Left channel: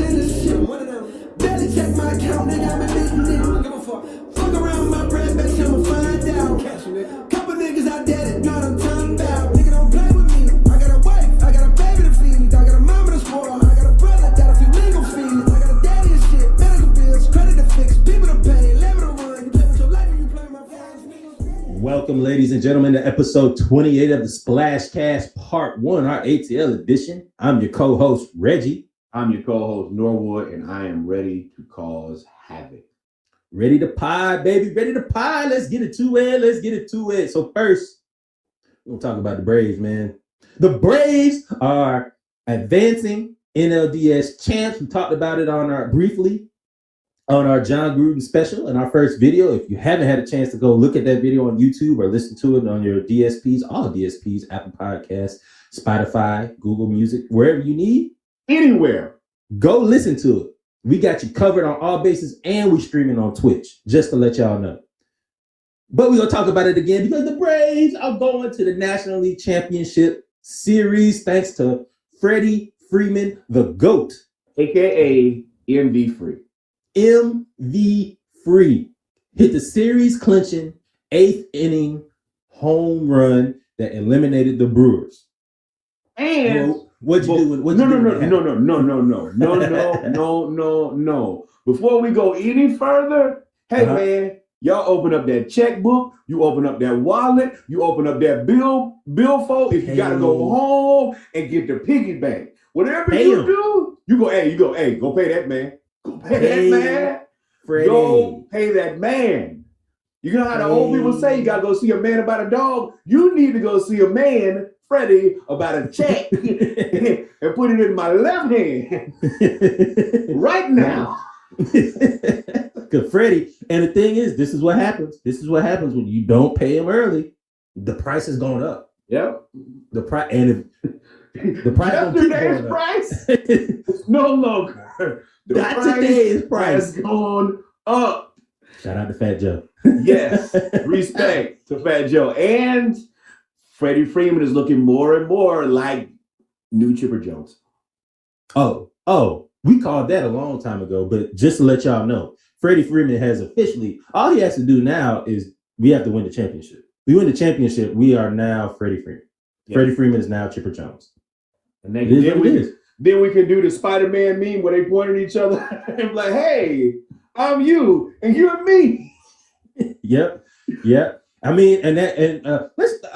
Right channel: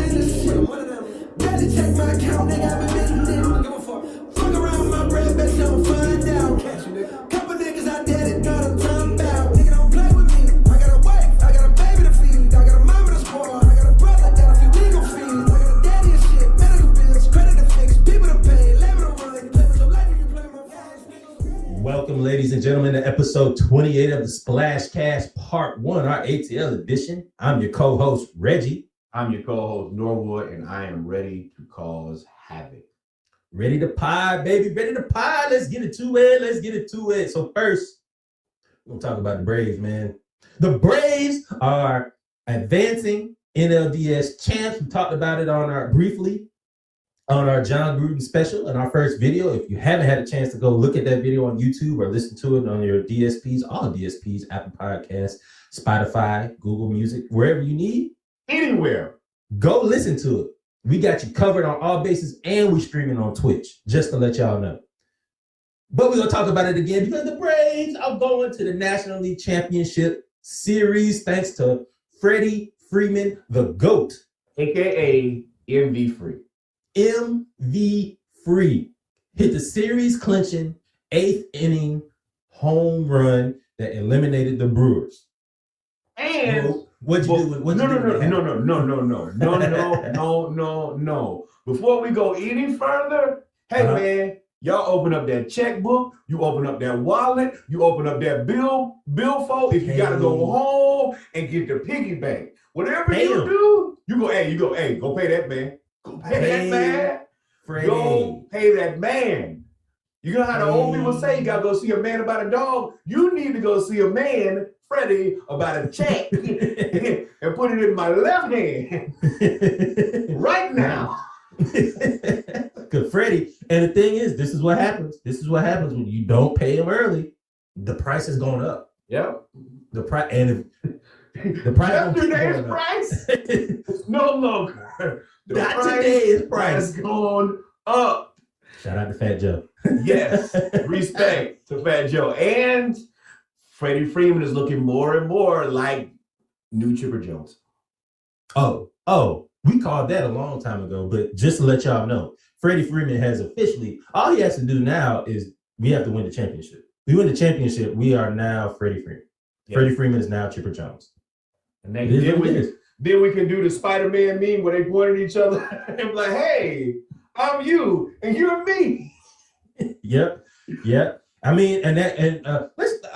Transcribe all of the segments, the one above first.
in the shit. One of them. Barely check my account, nigga, I'm admitting it. Don't give a fuck. Fuck around my bread, bet you I'ma find out. Catch you, nigga. Couple niggas out there that know what I'm talking about. Nigga, don't play with me. I got a wife, I got a baby to feed. I got a mama to spoil, I got a brother, got a few legal fees. I got a daddy and shit, medical bills, credit to fix, people to pay, labor to run. You play with your life if you play with my phones, nigga. Welcome, ladies and gentlemen, to episode 28 of the Splash Cast Part 1, our ATL edition. I'm your co-host, Reggie. I'm your co-host, Norwood, and I am ready to cause havoc. Ready to pie, baby. Ready to pie. Let's get it to it. So first, we're going to talk about the Braves, man. The Braves are advancing NLDS champs. We talked about it briefly on our John Gruden special in our first video. If you haven't had a chance to go look at that video on YouTube or listen to it on your DSPs, all DSPs, Apple Podcasts, Spotify, Google Music, wherever you need. Anywhere. Go listen to it. We got you covered on all bases and we streaming on Twitch, just to let y'all know. But we're going to talk about it again because the Braves are going to the National League Championship Series thanks to Freddie Freeman, the GOAT. AKA MV Free. MV Free hit the series clinching 8th inning home run that eliminated the Brewers. And what'd you do? No. Before we go any further, hey man, y'all open up that checkbook, you open up that wallet, you open up that billfold. If you gotta go home and get the piggy bank, whatever you do, you go pay that man. Go pay that man. Freddie. Go pay that man. You know how the old people say you gotta go see a man about a dog. You need to go see a man, Freddie, about a check and put it in my left hand right now. Cause Freddie, and the thing is, this is what happens. This is what happens when you don't pay him early. The price has gone up. Yep. The price, and if the price yesterday's price is no longer. Not today's price has gone up. Shout out to Fat Joe. Yes, respect to Fat Joe. And Freddie Freeman is looking more and more like new Chipper Jones. Oh, we called that a long time ago, but just to let y'all know, Freddie Freeman has officially, all he has to do now is we have to win the championship. We win the championship, we are now Freddie Freeman. Yep. Freddie Freeman is now Chipper Jones. And then we can do the Spider-Man meme where they point at each other and be like, hey, I'm you and you're me. Yep. I mean,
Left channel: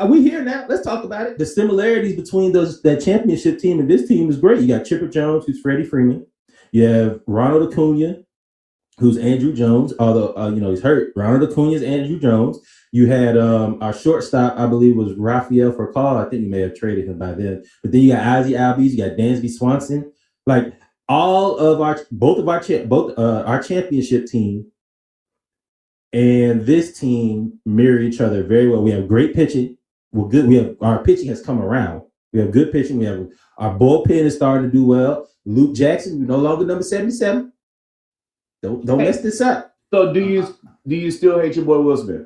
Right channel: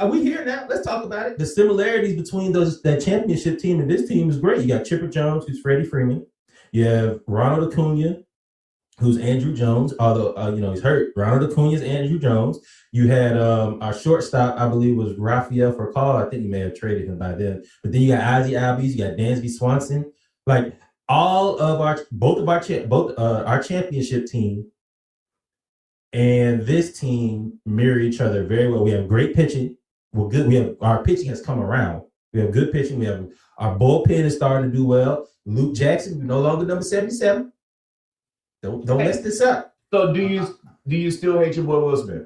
we here now. Let's talk about it. The similarities between that championship team and this team is great. You got Chipper Jones, who's Freddie Freeman. You have Ronald Acuna, who's Andrew Jones, although he's hurt. Ronald Acuna is Andrew Jones. You had our shortstop, I believe, was Rafael Furcal. I think you may have traded him by then. But then you got Ozzie Albies, you got Dansby Swanson. Like all of our championship team and this team mirror each other very well. We have great pitching. We're good. Our pitching has come around. We have good pitching. We have our bullpen is starting to do well. Luke Jackson, you're no longer number 77. Don't mess this up. So do you still hate your boy Will Smith?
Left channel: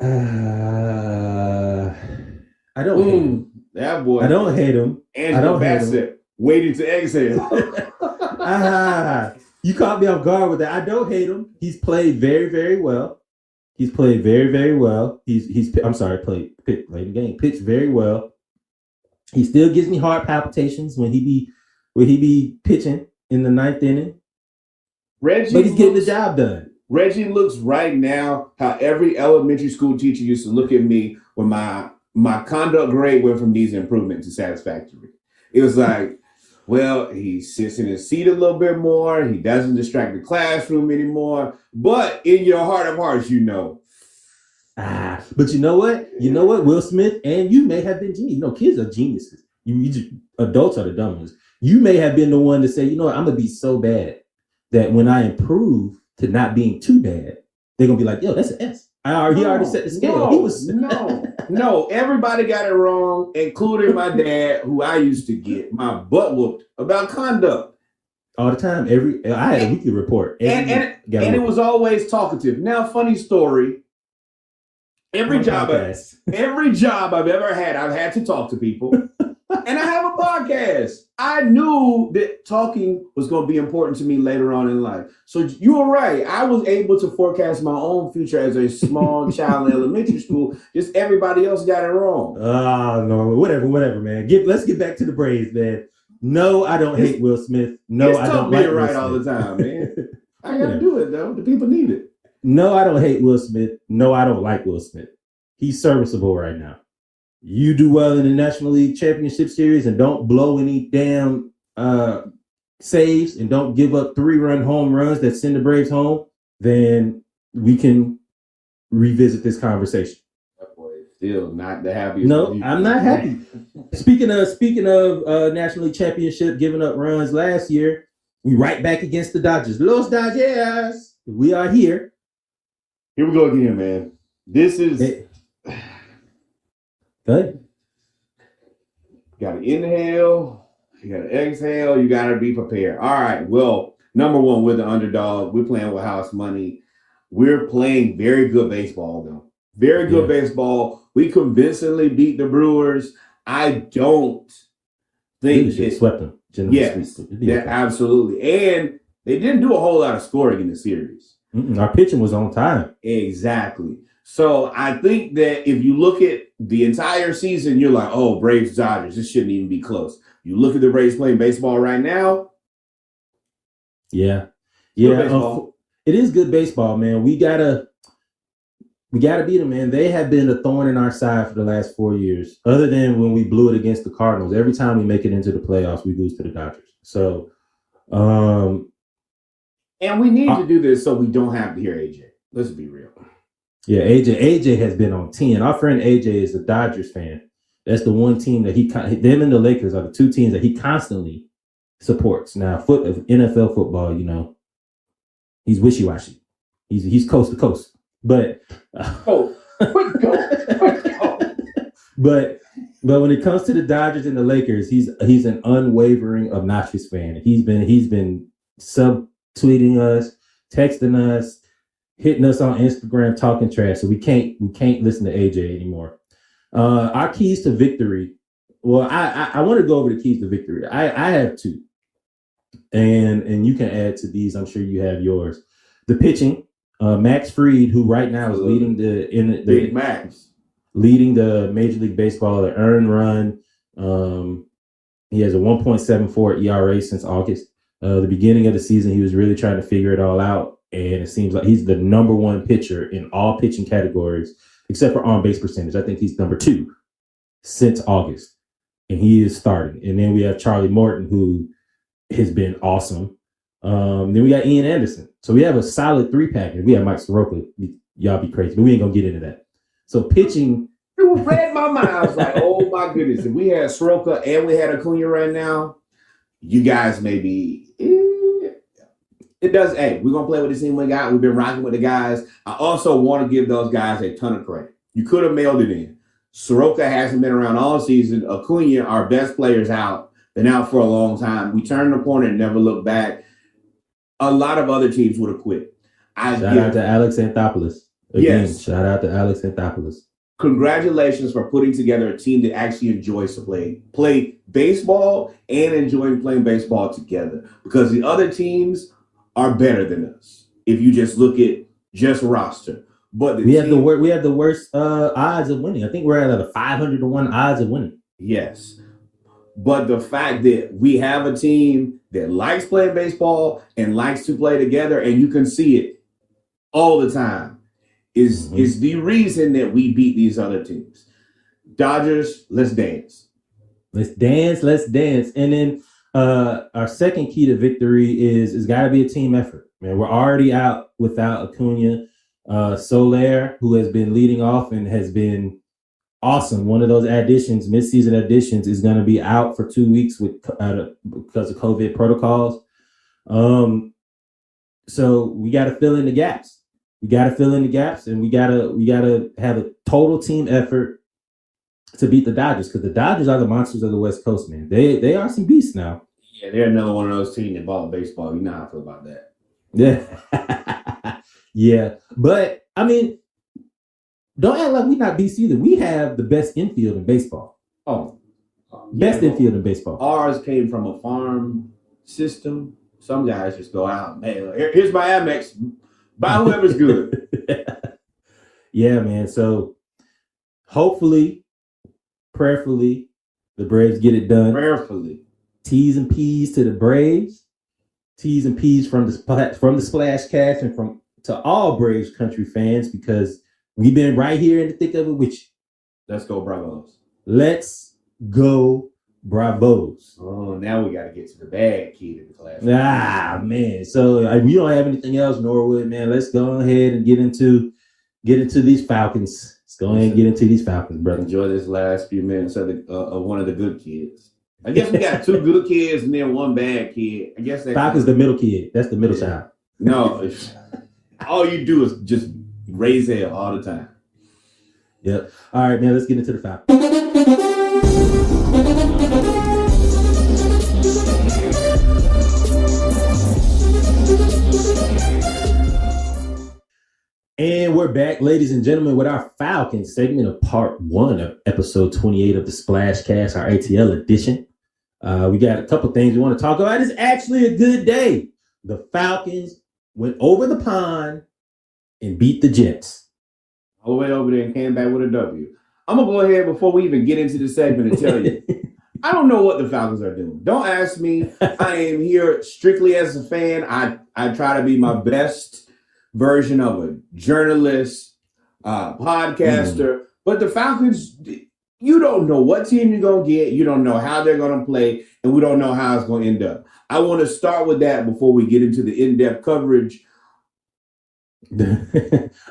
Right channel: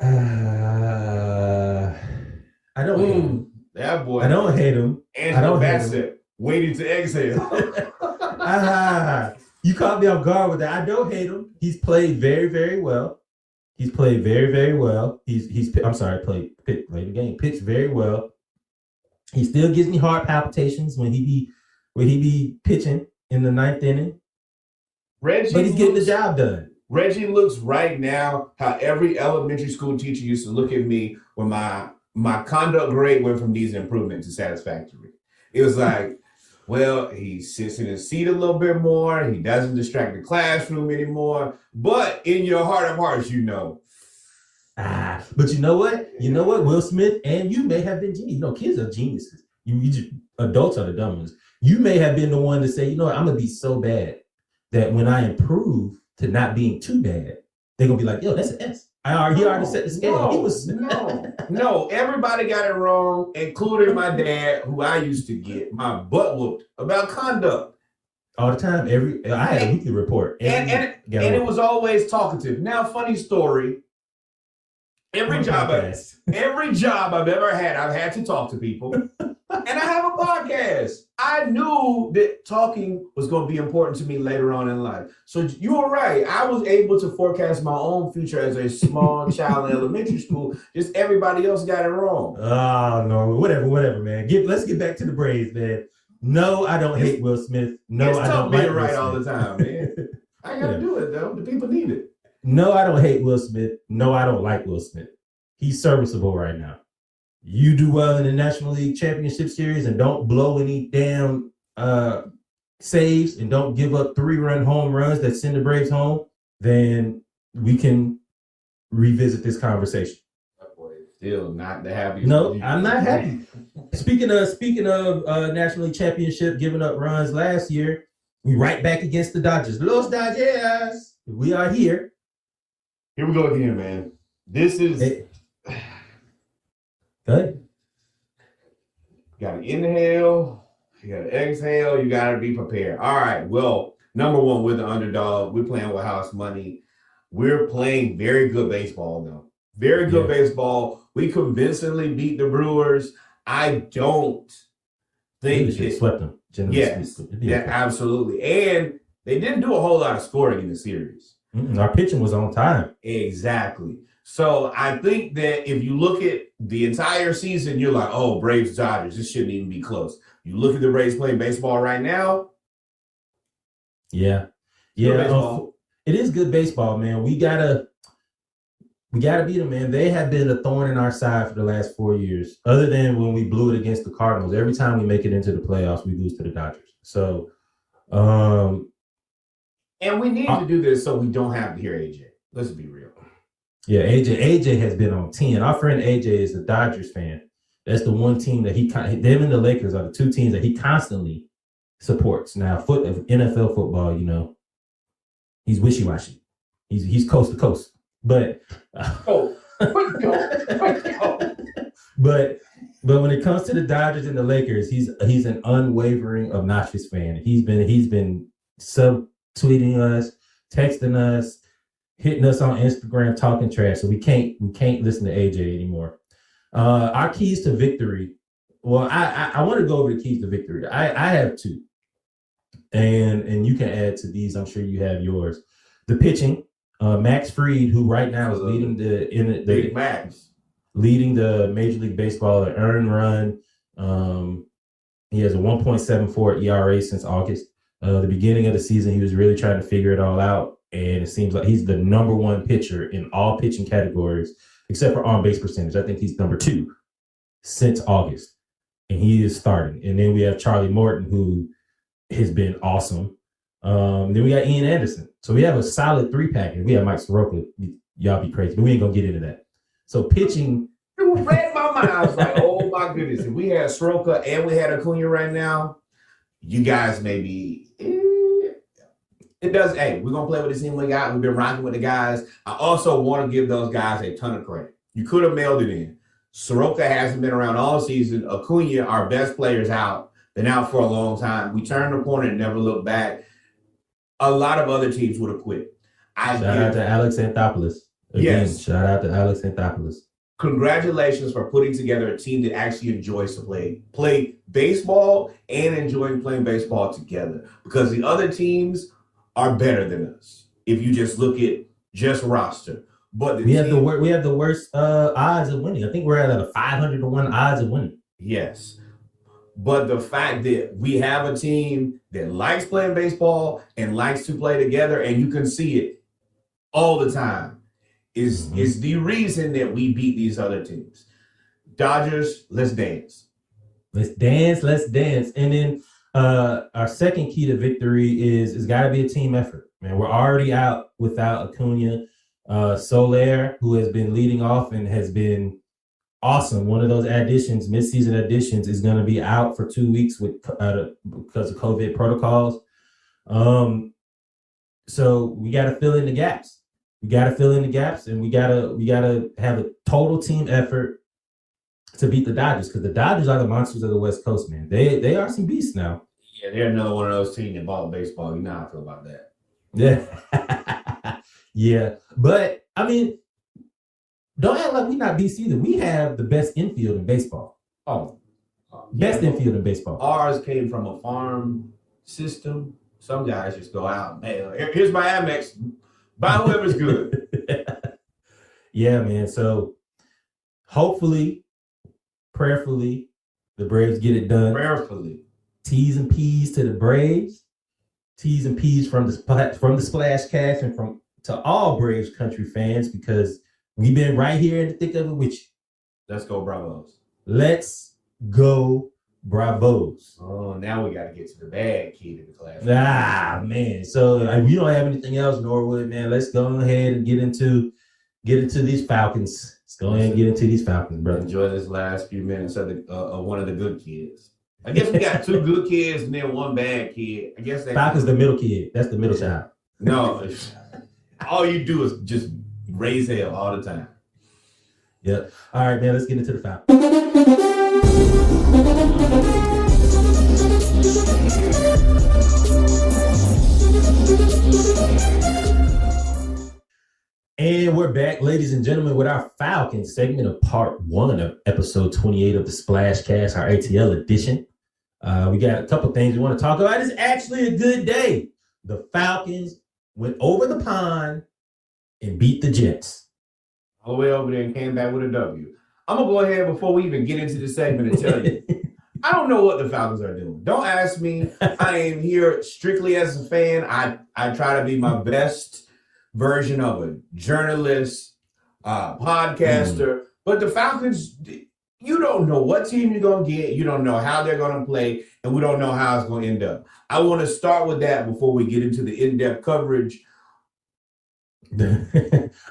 I don't hate him. That boy. I don't hate him. Angela Bassett waiting to exhale. You caught me off guard with that. I don't hate him. He's played very, very well. He's played very, very well. Played the game. Pitched very well. He still gives me heart palpitations when he be pitching in the 9th inning. But he's getting the job done. Reggie looks right now how every elementary school teacher used to look at me when my conduct grade went from needs improvement to satisfactory. It was like, well, he sits in his seat a little bit more. He doesn't distract the classroom anymore. But in your heart of hearts, you know. But you know what? Will Smith and you may have been genius. Kids are geniuses. Adults are the dumb ones. You may have been the one to say, I'm going to be so bad that when I improve to not being too bad, they're going to be like, yo, that's an S. He already set the scale. No, everybody got it wrong, including my dad, who I used to get my butt whooped about conduct. All the time. I had a weekly report. It was always talkative. Now, funny story. Every job I've ever had, I've had to talk to people. And I have a podcast. I knew that talking was going to be important to me later on in life. So you were right. I was able to forecast my own future as a small child in elementary school. Just everybody else got it wrong. Oh, no, whatever, man. Let's get back to the Braves, man. No, I don't hate Will Smith. No, I don't like Will right Smith. all the time, man. I got to do it, though. The people need it. No, I don't hate Will Smith. No, I don't like Will Smith. He's serviceable right now. You do well in the National League Championship Series and don't blow any damn saves and don't give up 3-run home runs that send the Braves home, then we can revisit this conversation. That boy is still not the happiest. No, I'm not happy. Speaking of National League Championship giving up runs last year, we right back against the Dodgers. Los Dodgers. We are here. Here we go again, man. This is... Go ahead. You got to inhale. You got to exhale. You got to be prepared. All right. Well, number one, we're the underdog. We're playing with house money. We're playing very good baseball, though. Very good baseball. We convincingly beat the Brewers. I don't think we should have swept them. Yes, yeah, absolutely. And they didn't do a whole lot of scoring in the series. Our pitching was on time. Exactly. So I think that if you look at the entire season, you're like, oh, Braves, Dodgers, this shouldn't even be close. You look at the Braves playing baseball right now. Yeah. It is good baseball, man. We gotta beat them, man. They have been a thorn in our side for the last 4 years. Other than when we blew it against the Cardinals, every time we make it into the playoffs, we lose to the Dodgers. So, and we need to do this so we don't have to hear AJ. Let's be real. Yeah, AJ has been on 10. Our friend AJ is a Dodgers fan. That's the one team that them and the Lakers are the two teams that he constantly supports. Now, NFL football, you know, he's wishy-washy. He's coast to coast. But quick go. But when it comes to the Dodgers and the Lakers, he's an unwavering, obnoxious fan. He's been subtweeting us, texting us, hitting us on Instagram, talking trash. So we can't listen to AJ anymore. Our keys to victory. Well, I want to go over the keys to victory. I have two, and you can add to these. I'm sure you have yours. The pitching. Max Fried, who right now is leading the Major League Baseball, the earned run. He has a 1.74 ERA since August. The beginning of the season, he was really trying to figure it all out. And it seems like he's the number one pitcher in all pitching categories, except for on-base percentage. I think he's number 2 since August. And he is starting. And then we have Charlie Morton, who has been awesome. Then we got Ian Anderson. So we have a solid 3-pack. And we have Mike Soroka. Y'all be crazy, but we ain't going to get into that. So pitching. You read my mind. I was like, oh, my goodness. If we had Soroka and we had Acuna right now, you guys may be... It does. Hey, we're going to play with the team we got. We've been rocking with the guys. I also want to give those guys a ton of credit. You could have mailed it in. Soroka hasn't been around all season. Acuna, our best player's out. Been out for a long time. We turned the corner and never looked back. A lot of other teams would have quit. Shout out to Alex Anthopoulos. Again, yes. Shout out to Alex Anthopoulos. Congratulations for putting together a team that actually enjoys to play baseball and enjoying playing baseball together, because the other teams are better than us if you just look at just roster. But we have the worst odds of winning. I think we're at a 500-1 odds of winning. Yes. But the fact that we have a team that likes playing baseball and likes to play together, and you can see it all the time, is the reason that we beat these other teams. Dodgers, let's dance. Let's dance. And then our second key to victory is it's got to be a team effort. Man, we're already out without Acuna. Soler, who has been leading off and has been awesome. One of those midseason additions, is going to be out for 2 weeks because of COVID protocols. So we got to fill in the gaps. And we gotta have a total team effort to beat the Dodgers, because the Dodgers are the monsters of the West Coast, man. They are some beasts now. Yeah, they're another one of those teams that bought baseball. You know how I feel about that. Yeah. Yeah. But I mean, don't act like we're not beasts either. We have the best infield in baseball. Oh, Best but infield in baseball. ours came from a farm system. Some guys just go out, man, here's my Amex. Buy whoever's good. Yeah, man. So hopefully, prayerfully, the Braves get it done. Prayerfully. T's and P's to the Braves. T's and P's from the Splash Cast and from to all Braves country fans, because we've been right here in the thick of it with you. Let's go, Bravos. Let's go, Bravos. Oh, now we got to get to the bad kid in the class. Ah, man. So we don't have anything else, Norwood, man. Let's go ahead and get into these Falcons. Let's go ahead and get into these Falcons, brother. Enjoy this last few minutes of one of the good kids. I guess we got two good kids and then one bad kid. I guess that Falcon's the middle kid. That's the middle child. No, all you do is just raise hell all the time. Yep. All right, man. Let's get into the Falcons. And we're back, ladies and gentlemen, with our Falcons segment of part 1 of episode 28 of the Splash Cast, our ATL edition. We got a couple things we want to talk about. It's actually a good day. The Falcons went over the pond and beat the Jets. All the way over there and came back with a W. I'm going to go ahead before we even get into the segment and tell you. I don't know what the Falcons are doing. Don't ask me. I am here strictly as a fan. I try to be my best version of a journalist, podcaster. But the Falcons, you don't know what team you're going to get. You don't know how they're going to play. And we don't know how it's going to end up. I want to start with that before we get into the in-depth coverage.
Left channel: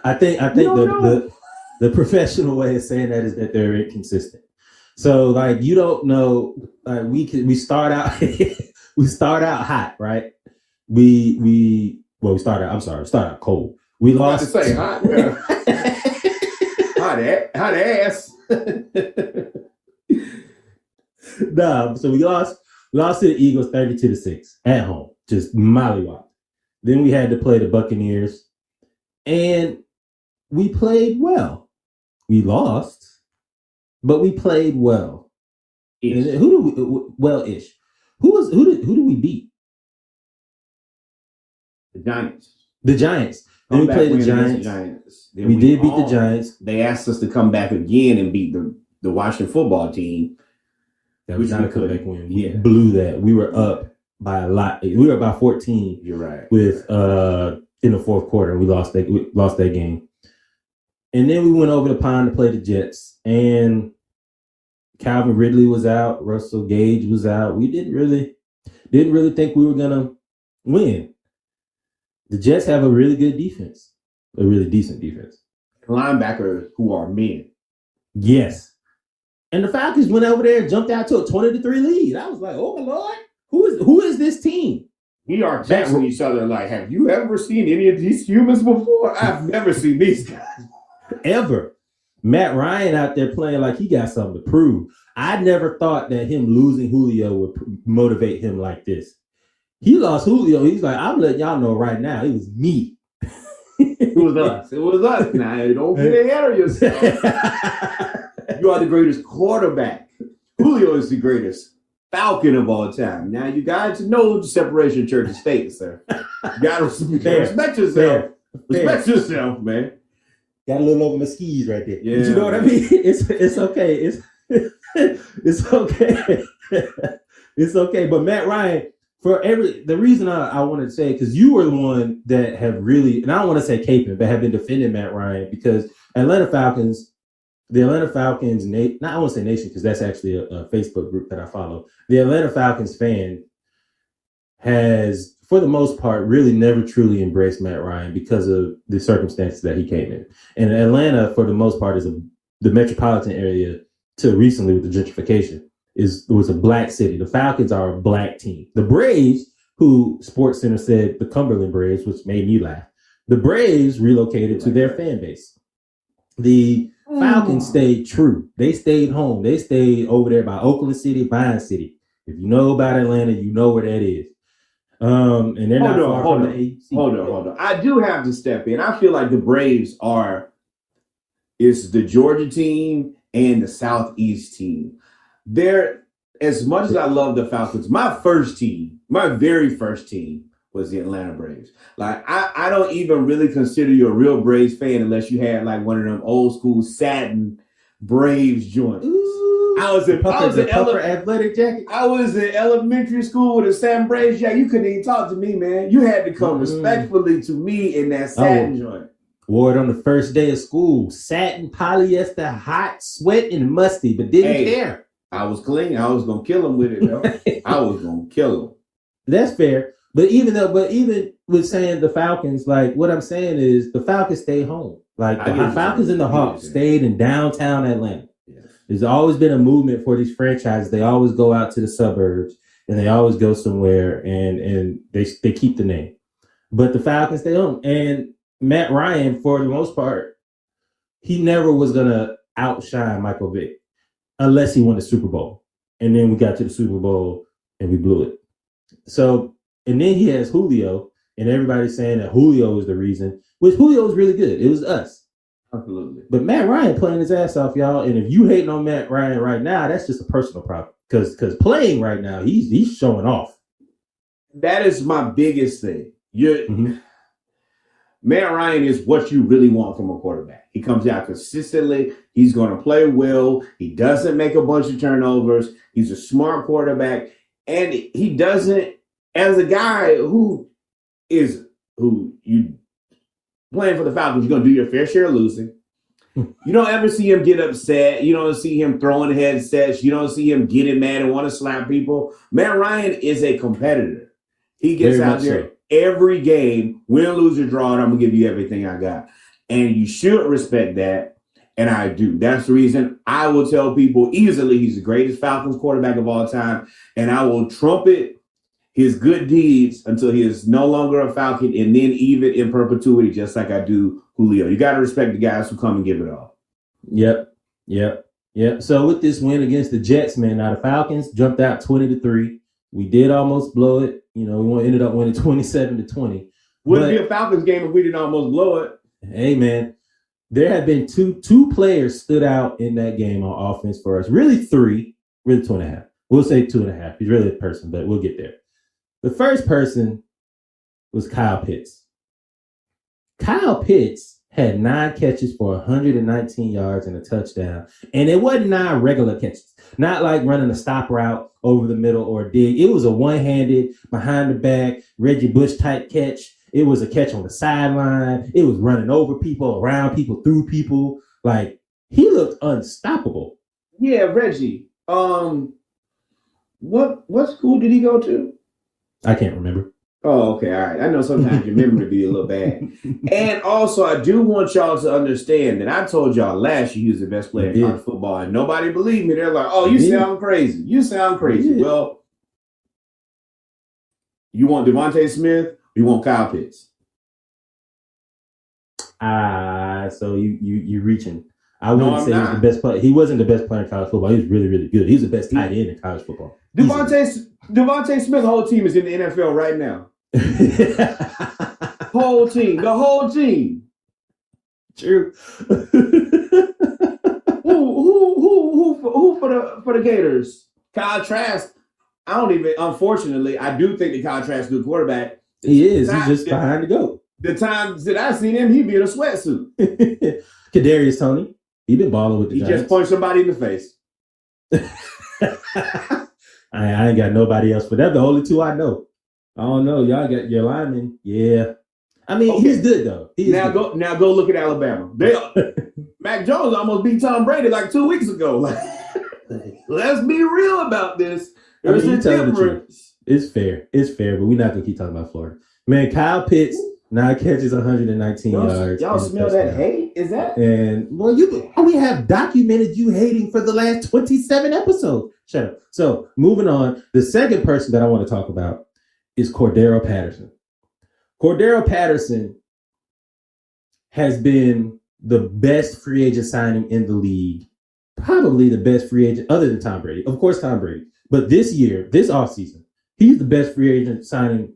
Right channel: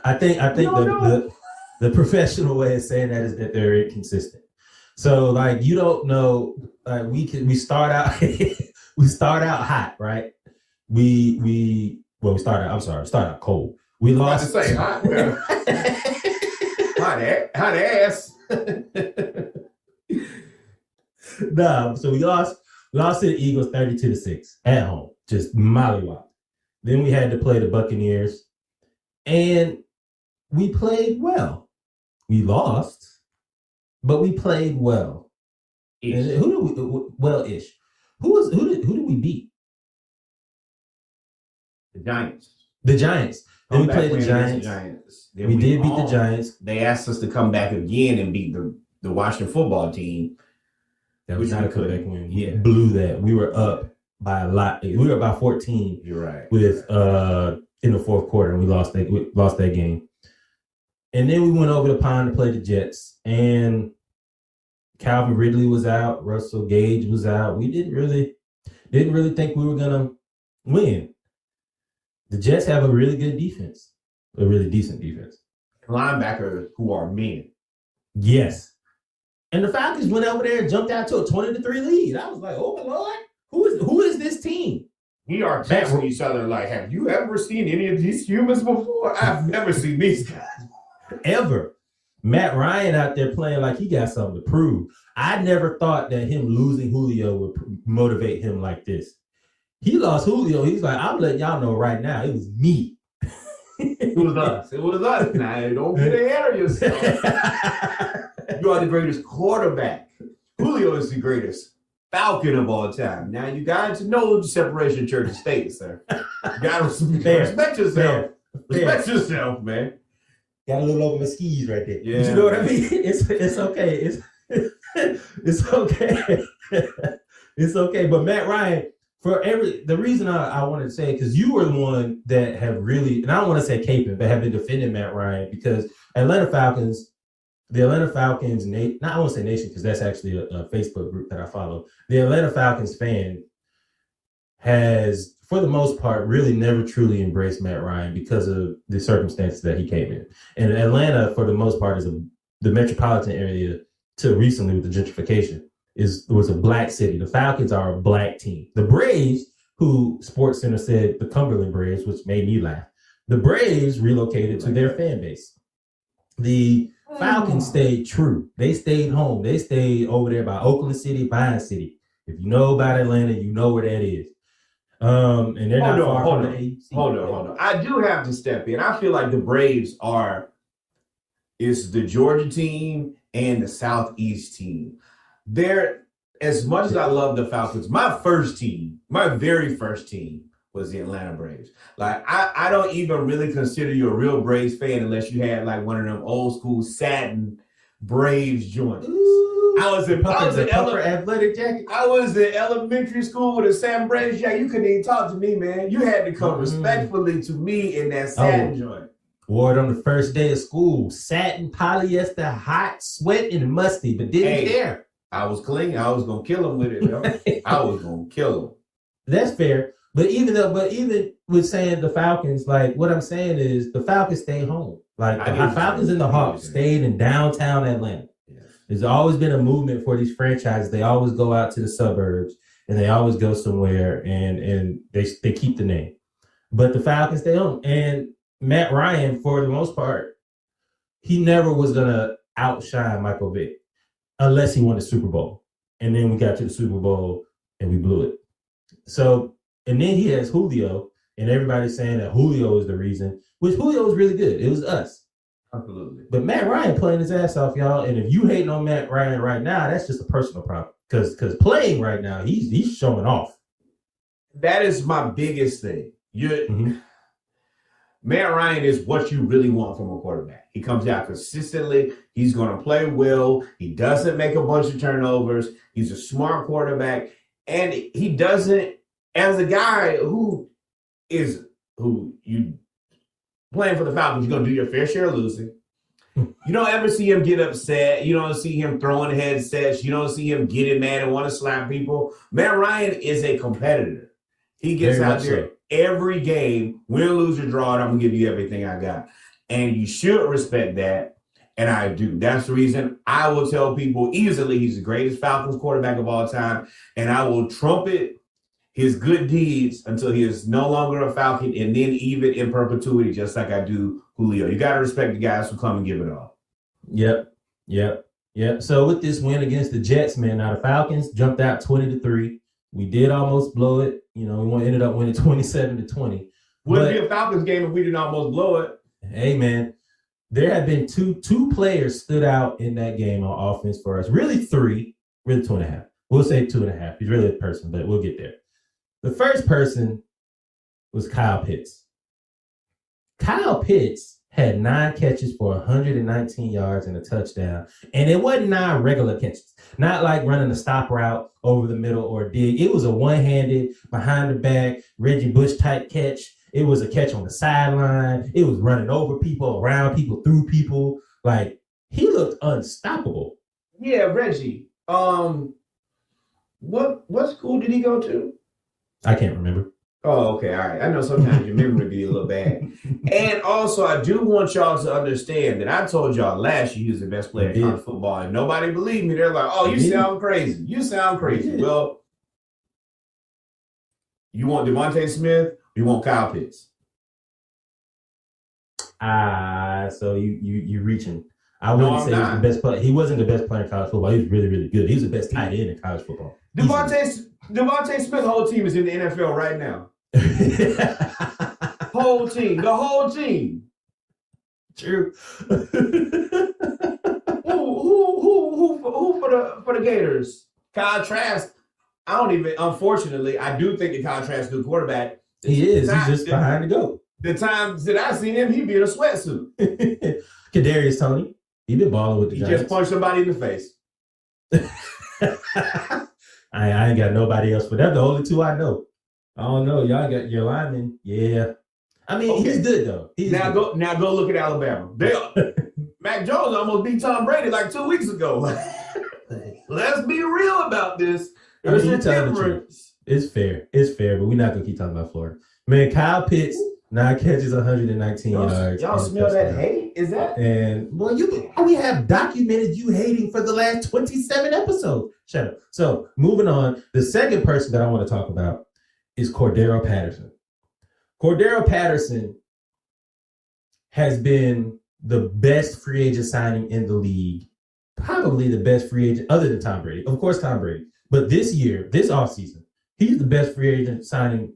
I think the professional way of saying that is that they're inconsistent. So like you don't know, like we start out we start out hot, right? We start out cold. We lost. About to say hot. Well, hot ass. No, so we lost to the Eagles 32-6 at home, just mollywop. Then we had to play the Buccaneers, and we played well. We lost, but we played well. And who do we well-ish? Who do we beat? The Giants. The Giants. Then we played the Giants. Then we did beat the Giants. They asked us to come back again and beat the Washington football team. That was not a comeback win. We Yeah. blew that. We were up by a lot. We were about 14. You're right. With in the fourth quarter, and we lost that game. And then we went over the pond to play the Jets, and Calvin Ridley was out. Russell Gage was out. We didn't really think we were gonna win. The Jets have a really good defense, a really decent defense. Linebackers who are men. Yes. And the Falcons went over there and jumped out to a 20-3 lead. I was like, oh my Lord, who is this team? We are texting each other like, have you ever seen any of these humans before? I've never seen these guys. Ever. Matt Ryan out there playing like he got something to prove. I never thought that him losing Julio would motivate him like this. He lost Julio. He's like, I'm letting y'all know right now, it was me. It was us. It was us. Now, don't get ahead of yourself. You are the greatest quarterback. Julio is the greatest Falcon of all time. Now, you got to know the separation of church and state, sir. You got to respect yourself. Respect yourself, man. Got a little over my skis right there. Yeah, you know what I mean? It's okay. It's okay. It's okay. But Matt Ryan, the reason I wanted to say it, because you were the one that have really, and I don't want to say caping, but have been defending Matt Ryan, because the Atlanta Falcons, I won't say nation, because that's actually a Facebook group that I follow. The Atlanta Falcons fan has, for the most part, really never truly embraced Matt Ryan because of the circumstances that he came in. And Atlanta, for the most part, is the metropolitan area till recently with the gentrification. Was a black city. The Falcons are a black team. The Braves, who SportsCenter said the Cumberland Braves, which made me laugh. The Braves relocated to their fan base. The Falcons stayed true. They stayed home. They stayed over there by Oakland City, Vine City. If you know about Atlanta, you know where that is. And they're not far from the AUC. Hold on. I do have to step in. I feel like the Braves it's the Georgia team and the Southeast team. as much as I love the Falcons, my very first team was the Atlanta Braves. Like I don't even really consider you a real Braves fan unless you had like one of them old school satin Braves joints. Ooh, I was in athletic jacket. I was in elementary school with a satin Braves jacket. You couldn't even talk to me, man. You had to come respectfully to me in that satin joint. Wore it on the first day of school. Satin, polyester, hot, sweat, and musty, but didn't care. I was clean. I was gonna kill him with it, though. I was gonna kill him. That's fair. But even with saying the Falcons, like what I'm saying is the Falcons stay home. Like the Falcons and the Hawks stayed in downtown Atlanta. Yes. There's always been a movement for these franchises. They always go out to the suburbs and they always go somewhere and they keep the name. But the Falcons stay home. And Matt Ryan, for the most part, he never was gonna outshine Michael Vick unless he won the Super Bowl. And then we got to the Super Bowl and we blew it. So, and then he has Julio, and everybody's saying that Julio is the reason, which Julio is really good. It was us. Absolutely. But Matt Ryan playing his ass off, y'all. And if you hating on Matt Ryan right now, that's just a personal problem. Because playing right now, he's showing off. That is my biggest thing. Matt Ryan is what you really want from a quarterback. He comes out consistently. He's going to play well. He doesn't make a bunch of turnovers. He's a smart quarterback. And he doesn't, as a guy who you playing for the Falcons, you're going to do your fair share of losing. You don't ever see him get upset. You don't see him throwing headsets. You don't see him getting mad and want to slap people. Matt Ryan is a competitor. He gets out there every game, win, lose, or draw, and I'm going to give you everything I got. And you should respect that, and I do. That's the reason I will tell people easily he's the greatest Falcons quarterback of all time, and I will trumpet his good deeds until he is no longer a Falcon, and then even in perpetuity, just like I do Julio. You got to respect the guys who come and give it all. Yep. So with this win against the Jets, man, now the Falcons jumped out 20-3. We did almost blow it. You know, we ended up winning 27-20. Wouldn't be a Falcons game if we didn't almost blow it. Hey, man, there have been two players stood out in that game on offense for us. Really 3, really 2.5. We'll say 2.5. He's really a person, but we'll get there. The first person was Kyle Pitts. Kyle Pitts had 9 catches for 119 yards and a touchdown. And it wasn't 9 regular catches, not like running a stop route over the middle or a dig. It was a one-handed, behind the back, Reggie Bush type catch. It was a catch on the sideline. It was running over people, around people, through people. Like, he looked unstoppable. Yeah, Reggie. What school did he go to? I can't remember. Oh, okay. All right. I know sometimes your memory be a little bad. And also, I do want y'all to understand that I told y'all last year he was the best player in college football, and nobody believed me. They're like, oh, you sound crazy. You sound crazy. Well, you want Devontae Smith or you want Kyle Pitts? So you reaching. I wouldn't say he was the best player. He wasn't the best player in college football. He was really, really good. He was the best tight end in college football. Devontae Smith's whole team is in the NFL right now. The whole team. True. who for the Gators? Kyle Trask. Unfortunately, I do think that Kyle Trask is a good quarterback. He is. He's just behind the goat. The times that I seen him, he'd be in a sweatsuit. Kadarius Toney. He been balling with the Giants. He just punched somebody in the face. I ain't got nobody else for that. The only 2 I know. I don't know. Y'all got your lineman. Yeah. I mean, He's good though. Now go look at Alabama. Mac Jones almost beat Tom Brady like 2 weeks ago. Like, let's be real about this. There's a difference. It's fair, but we're not gonna keep talking about Florida. Man, Kyle Pitts, 9 catches, 119 yards. Y'all smell that hate? Is that? And well, we have documented you hating for the last 27 episodes. Shut up. So moving on, the second person that I want to talk about is Cordero Patterson. Cordero Patterson has been the best free agent signing in the league, probably the best free agent other than Tom Brady. Of course, Tom Brady. But this offseason, he's the best free agent signing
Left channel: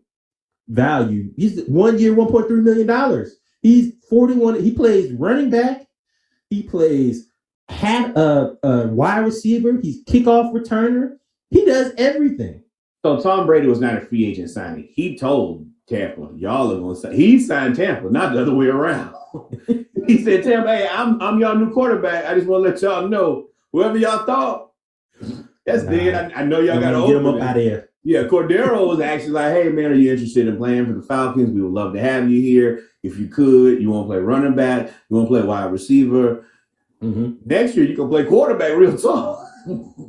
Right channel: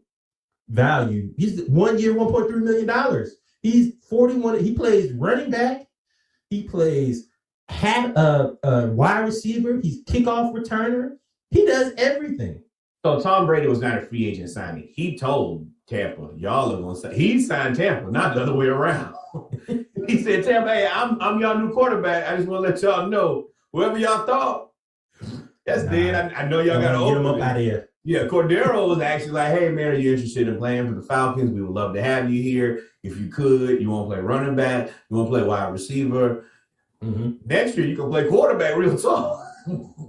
value. He's 1 year, $1.3 million. He's 41. He plays running back. He plays wide receiver. He's kickoff returner. He does everything. So Tom Brady was not a free agent signing. He told Tampa, y'all are gonna say he signed Tampa, not the other way around. He said, Tampa, hey, I'm y'all new quarterback. I just want to let y'all know, whoever y'all thought, that's dead. I know y'all got to get him up out of here. Yeah, Cordero was actually like, hey, man, are you interested in playing for the Falcons? We would love to have you here. If you could, you want to play running back, you want to play wide receiver. Mm-hmm. Next year, you can play quarterback real tall.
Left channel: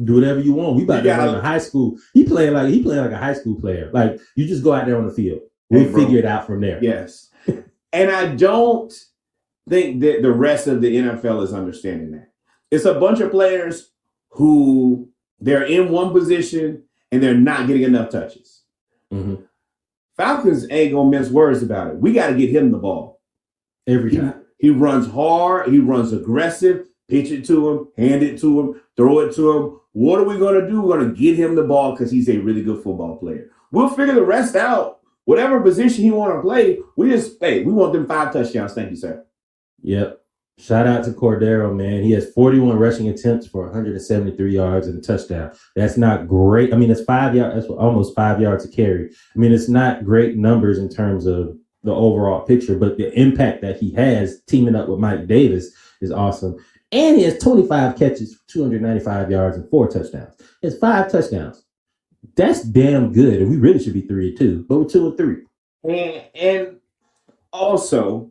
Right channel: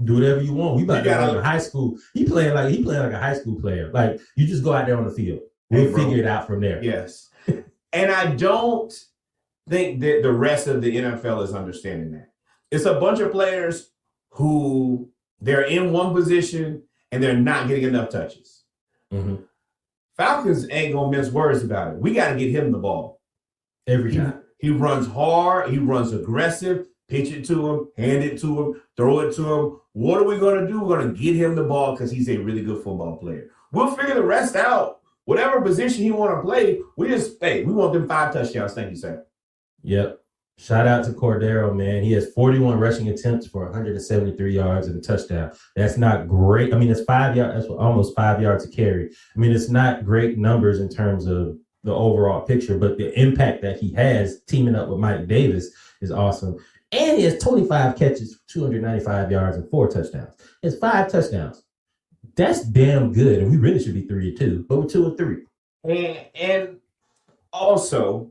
Do whatever you want. We about to run to high school. He playing like a high school player. Like, you just go out there on the field. We'll figure it out from there. Yes. And I don't think that the rest of the NFL is understanding that. It's a bunch of players who they're in one position and they're not getting enough touches. Mm-hmm. Falcons ain't gonna mince words about it. We got to get him the ball every time. He runs hard. He runs aggressive. Pitch it to him, hand it to him, throw it to him. What are we gonna do? We're gonna get him the ball because he's a really good football player. We'll figure the rest out. Whatever position he want to play, we want them 5 touchdowns. Thank you, sir. Yep. Shout out to Cordero, man. He has 41 rushing attempts for 173 yards and a touchdown. That's not great. I mean, it's 5 yards. That's almost 5 yards a carry. I mean, it's not great numbers in terms of the overall picture, but the impact that he has teaming up with Mike Davis is awesome. And he has 25 catches, 295 yards, and 4 touchdowns. He has 5 touchdowns. That's damn good. And we really should be 3-2, but we're 2-3. And also,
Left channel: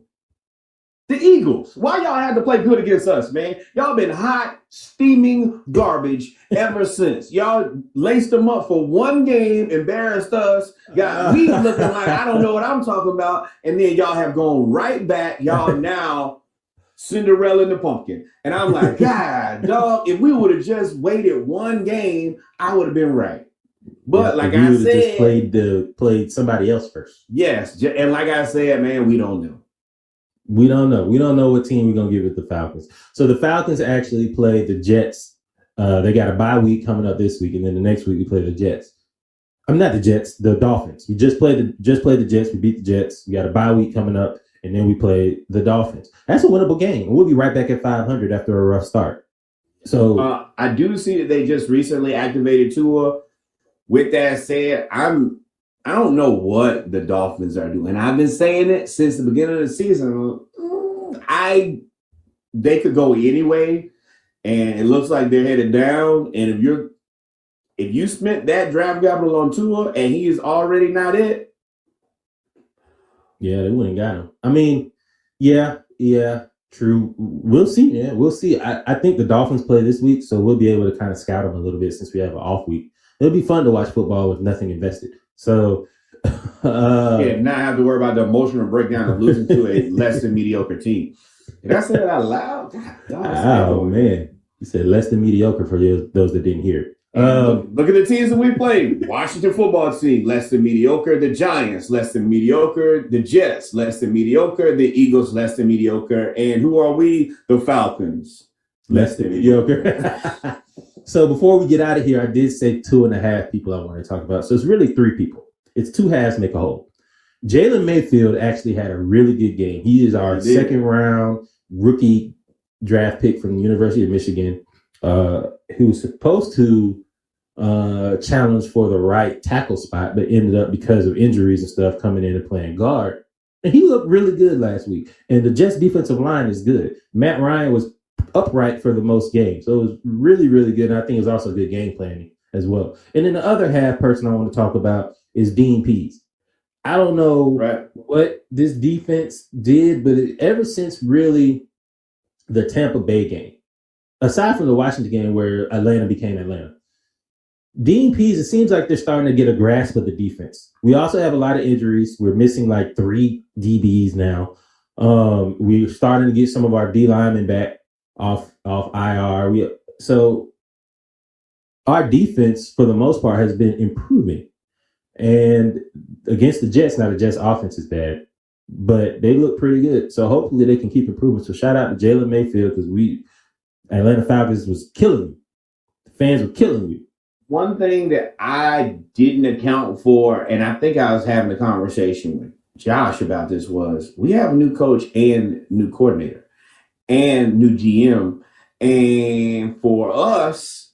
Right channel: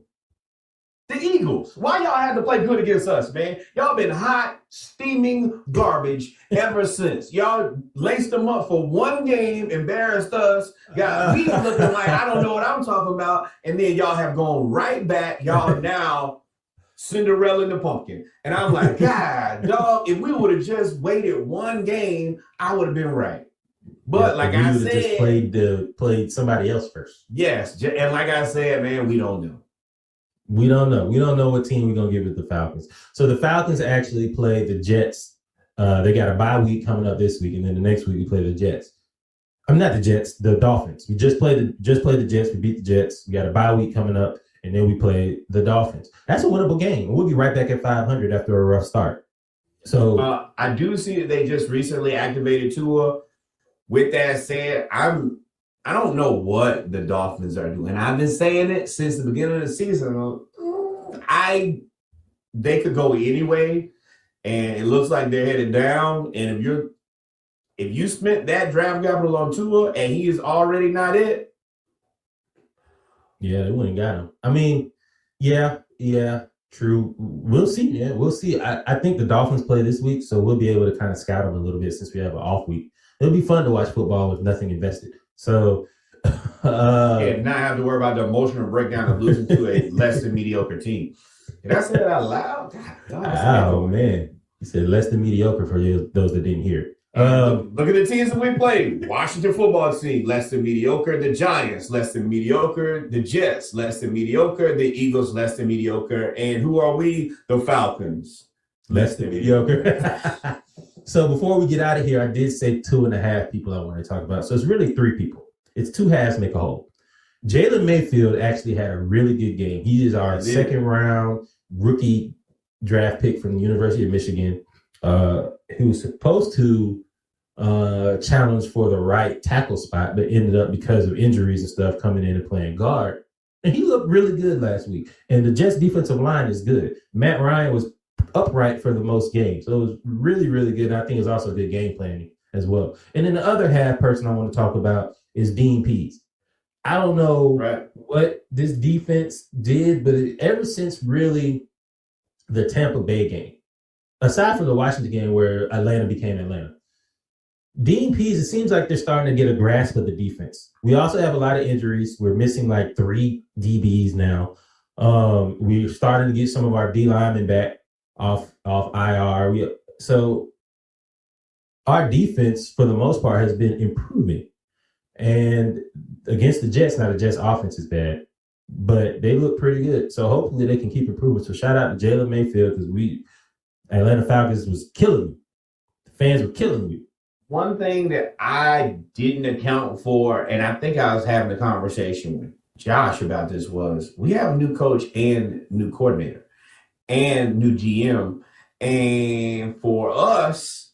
the Eagles. Why y'all had to play good against us, man? Y'all been hot, steaming garbage ever since. Y'all laced them up for one game, embarrassed us, got me looking like I don't know what I'm talking about, and then y'all have gone right back. Y'all now Cinderella and the Pumpkin. And I'm like, God, dog, if we would have just waited one game, I would have been right. But like I said, just played somebody else first. Yes, and like I said, man, we don't know. We don't know. We don't know what team we're going to give with the Falcons. So the Falcons actually play the Jets. They got a bye week coming up this week, and then the next week we play the Jets. I'm not the Jets, the Dolphins. We just played the Jets. We beat the Jets. We got a bye week coming up, and then we play the Dolphins. That's a winnable game. We'll be right back at 500 after a rough start. So I do see that they just recently activated Tua. With that said, I don't know what the Dolphins are doing. I've been saying it since the beginning of the season. They could go anyway, and it looks like they're headed down. And if you spent that draft capital on Tua and he is already not it, yeah, they wouldn't got him. I mean, yeah, true. We'll see. Yeah, we'll see. I think the Dolphins play this week, so we'll be able to kind of scout them a little bit since we have an off week. It'll be fun to watch football with nothing invested. So, not have to worry about the emotional breakdown of losing to a less than mediocre team. Did I say that out loud? God, man. You said less than mediocre for those that didn't hear it. Look at the teams that we played. Washington football team, less than mediocre. The Giants, less than mediocre. The Jets, less than mediocre. The Eagles, less than mediocre. And who are we? The Falcons, less than mediocre. So before we get out of here, I did say 2.5 people I want to talk about. So it's really 3 people. It's 2 halves make a whole. Jalen Mayfield actually had a really good game. He is our second round rookie draft pick from the University of Michigan, who was supposed to challenge for the right tackle spot, but ended up because of injuries and stuff coming in and playing guard. And he looked really good last week. And the Jets defensive line is good. Matt Ryan was upright for the most games. So it was really, really good. And I think it's also good game planning as well. And then the other half person I want to talk about is Dean Pease. I don't know what this defense did, but ever since really the Tampa Bay game, aside from the Washington game where Atlanta became Atlanta, Dean Pease, it seems like they're starting to get a grasp of the defense. We also have a lot of injuries. We're missing like 3 DBs now. We're starting to get some of our D linemen back off IR. So our defense, for the most part, has been improving. And against the Jets, now the Jets offense is bad, but they look pretty good. So hopefully they can keep improving. So shout out to Jalen Mayfield, because Atlanta Falcons was killing you. The fans were killing you. One thing that I didn't account for, and I think I was having a conversation with Josh about this, was we have a new coach and new coordinator and new GM. And for us,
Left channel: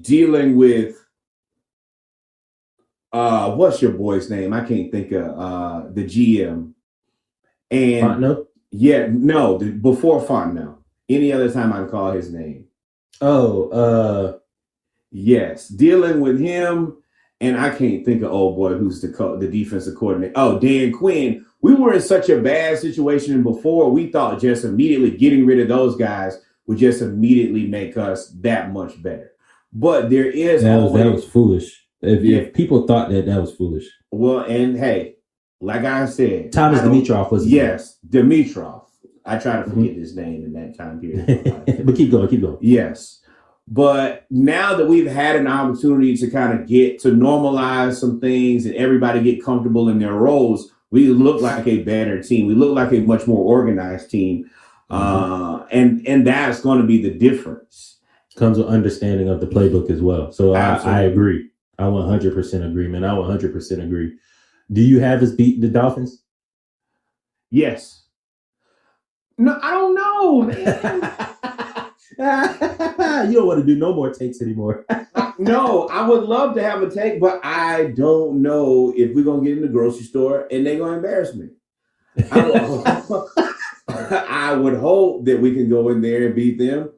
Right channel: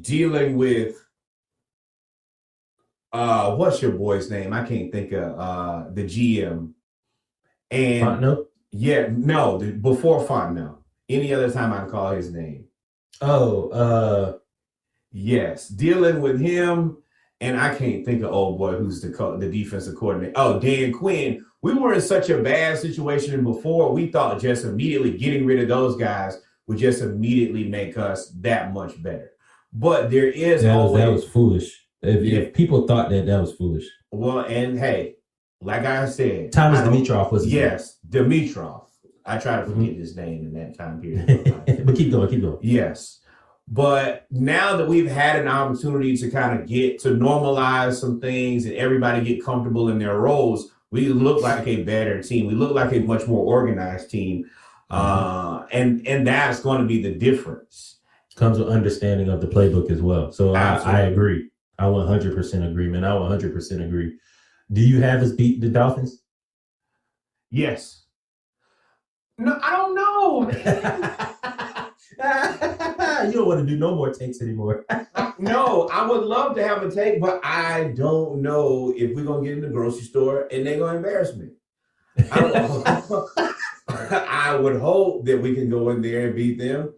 dealing with what's your boy's name? I can't think of the GM. And Fontenot? yeah, no, before Fontenot. Any other time I can call his name. Oh, yes, dealing with him, and I can't think of old boy who's the defensive coordinator. Oh, Dan Quinn. We were in such a bad situation before. We thought just immediately getting rid of those guys would just immediately make us that much better. But there is that always was foolish. If people thought that was foolish. well, and hey, like I said, Thomas Dimitroff was his yes, Dimitroff. I try to forget his name in that time period of my life. But keep going. Yes. But now that we've had an opportunity to kind of get to normalize some things and everybody get comfortable in their roles, we look like a better team. We look like a much more organized team. And that's going to be the difference. Comes with understanding of the playbook as well. So I agree. I 100% agree, man. I 100% agree. Do you have us beat the Dolphins? Yes. No, I don't know, man. You don't want to do no more takes anymore. No, I would love to have a take, but I don't know if we're going to get in the grocery store and they're going to embarrass me. I would hope that we can go in there and beat them.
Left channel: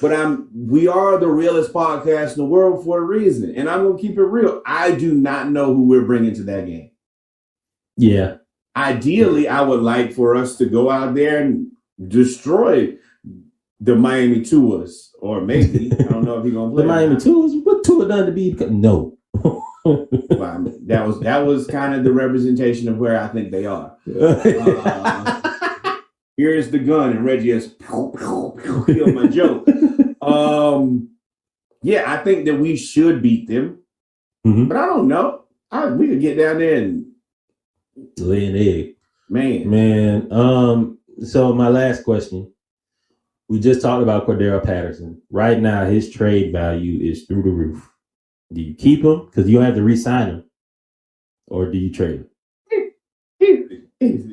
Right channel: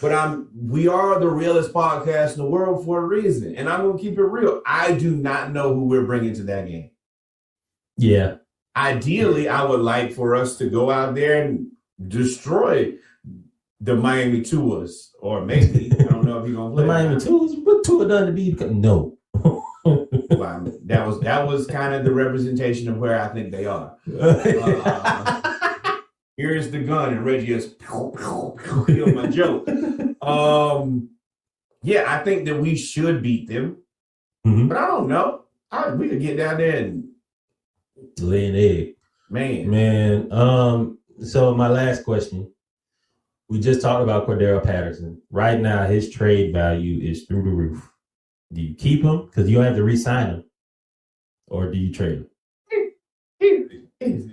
But we are the realest podcast in the world for a reason. And I'm going to keep it real. I do not know who we're bringing to that game. Yeah. Ideally, I would like for us to go out there and destroy the Miami Tuas, or maybe I don't know if he's gonna play the Miami Tuas. What Tua done to be? No. Well, that was kind of the representation of where I think they are. Here's the gun, and Reggie has killed my joke. Yeah, I think that we should beat them, but I don't know. We could get down there and lay an egg, man. So my last question. We just talked about Cordero Patterson. Right now, his trade value is through the roof. Do you keep him because you don't have to re-sign him, or do you trade him?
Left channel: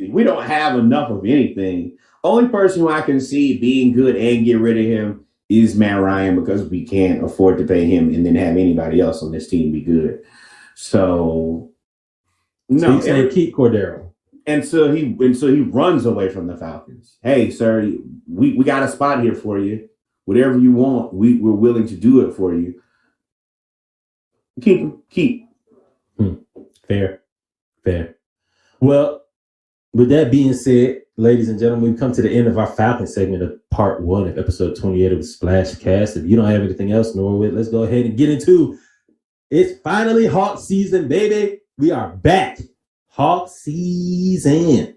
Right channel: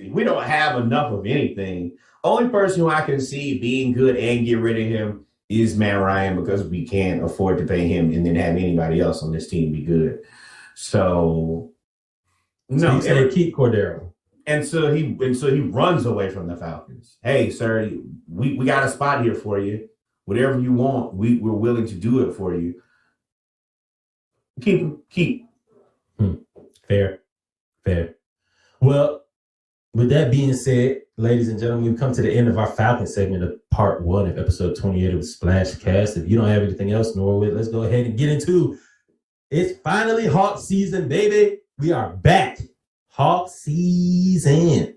We don't have enough of anything. Only person who I can see being good and get rid of him is Matt Ryan, because we can't afford to pay him and then have anybody else on this team be good. So no, keep Cordero. And so he runs away from the Falcons. Hey, sir, we got a spot here for you. Whatever you want, we're willing to do it for you. Keep him. Fair. Well, with that being said, ladies and gentlemen, we've come to the end of our Falcon segment of part 1 of episode 28 of Splashcast. If you don't have anything else, Norwood, let's go ahead and get into it's finally Hawk season, baby. We are back. Hawk season.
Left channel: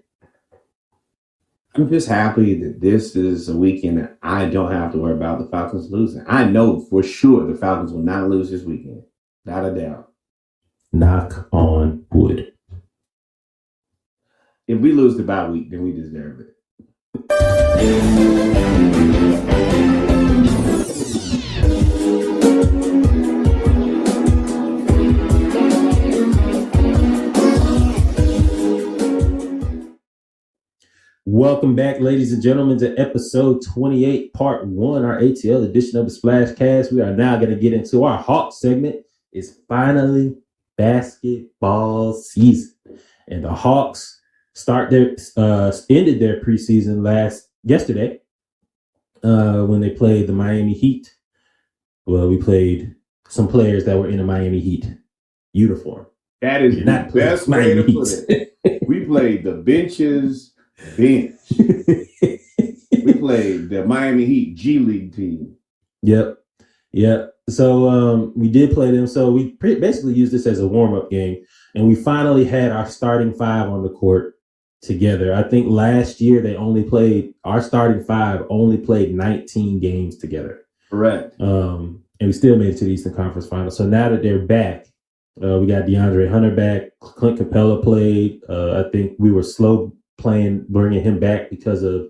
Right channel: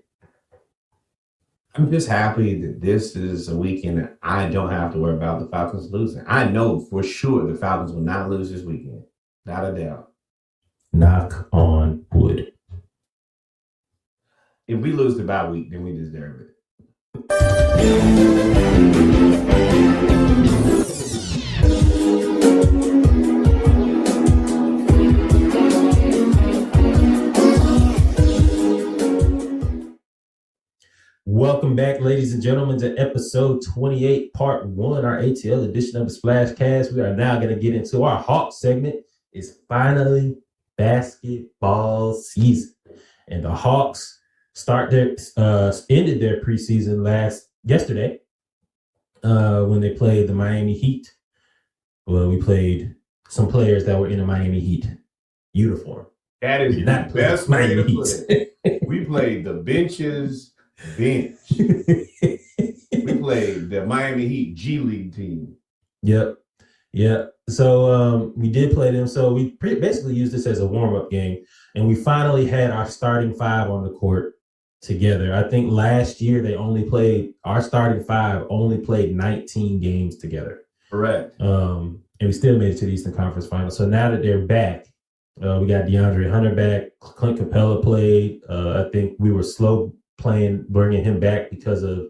I'm just happy that this is a weekend that I don't have to worry about the Falcons losing. I know for sure the Falcons will not lose this weekend. Not a doubt. Knock on wood. If we lose the bye week, then we deserve it. Welcome back, ladies and gentlemen, to episode 28, part 1, our ATL edition of the Splashcast. We are now going to get into our Hawk segment. It's finally basketball season. And the Hawks ended their preseason yesterday when they played the Miami Heat. Well, we played some players that were in a Miami Heat uniform. That is the best way to put it. We played the bench. We played the Miami Heat G League team. Yep. So we did play them. So we basically used this as a warm-up game, and we finally had our starting 5 on the court together. I think last year our starting 5 only played 19 games together. Correct. And we still made it to the Eastern Conference Finals. So now that they're back, we got DeAndre Hunter back. Clint Capella played. I think we were slow bringing him back because of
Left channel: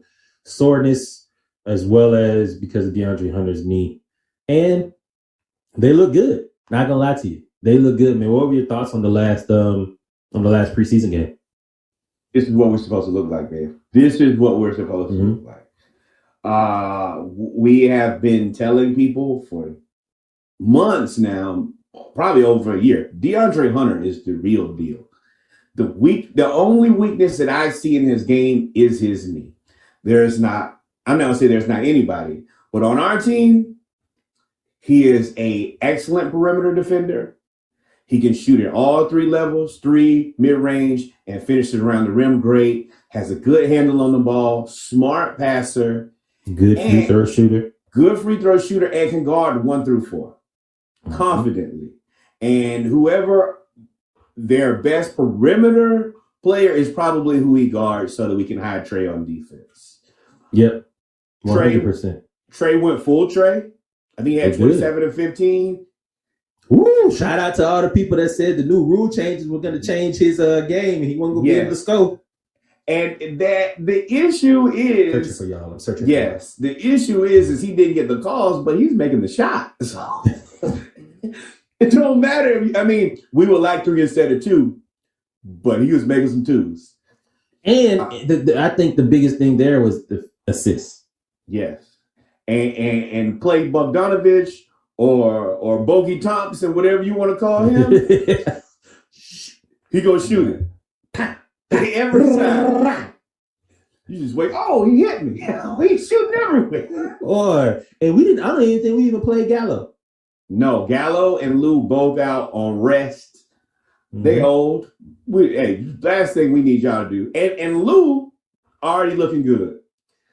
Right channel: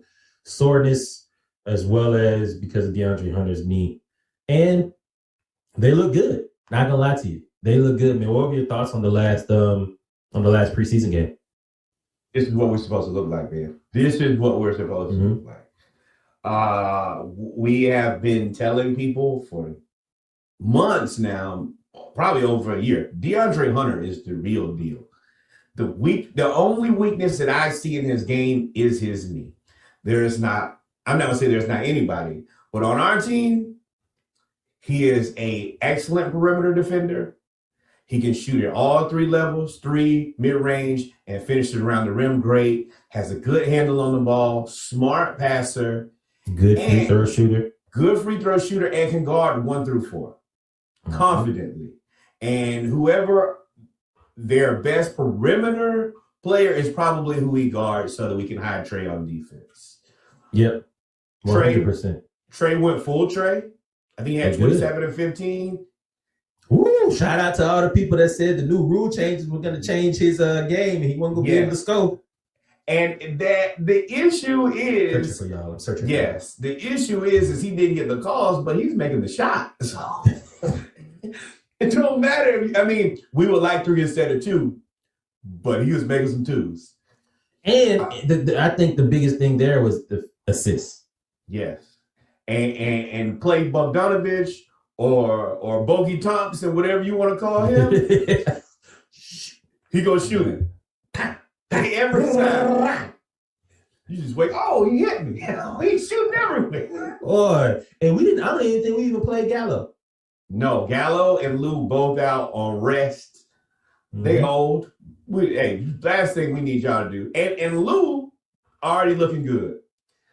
soreness, as well as because of DeAndre Hunter's knee. And they look good. Not gonna lie to you, they look good, man. What were your thoughts on the last preseason game? This is what we're supposed to look like, man. This is what we're supposed to look like. We have been telling people for months now, probably over a year, DeAndre Hunter is the real deal. The only weakness that I see in his game is his knee. I'm not gonna say there's not anybody, but on our team, he is an excellent perimeter defender. He can shoot at all three levels, 3, mid-range, and finishes around the rim great. Has a good handle on the ball, smart passer. Good free throw shooter. Good free throw shooter, and can guard 1 through 4 confidently. And whoever their best perimeter player is probably who he guards so that we can hide Trey on defense. Yep. 100%. Trey went full Trey. I think he had 27 and 15. Ooh, shout out to all the people that said the new rule changes were going to change his game and he wasn't going to be able to score. And that the issue is searching for y'all. I'm searching. Yes, the issue is he didn't get the calls, but he's making the shot. So it don't matter if we would like 3 instead of 2, but he was making some 2s. And I think the biggest thing there was the assists. Yes, and Clay Bogdanovich or Bogey Thompson, whatever you want to call him, he gonna shoot it. Every time. You just wait. Oh, he hit me. He's shooting everywhere. Boy, and I don't even think we even played Gallo. No, Gallo and Lou both out on rest. They old. Last thing we need y'all to do. And Lou already looking good.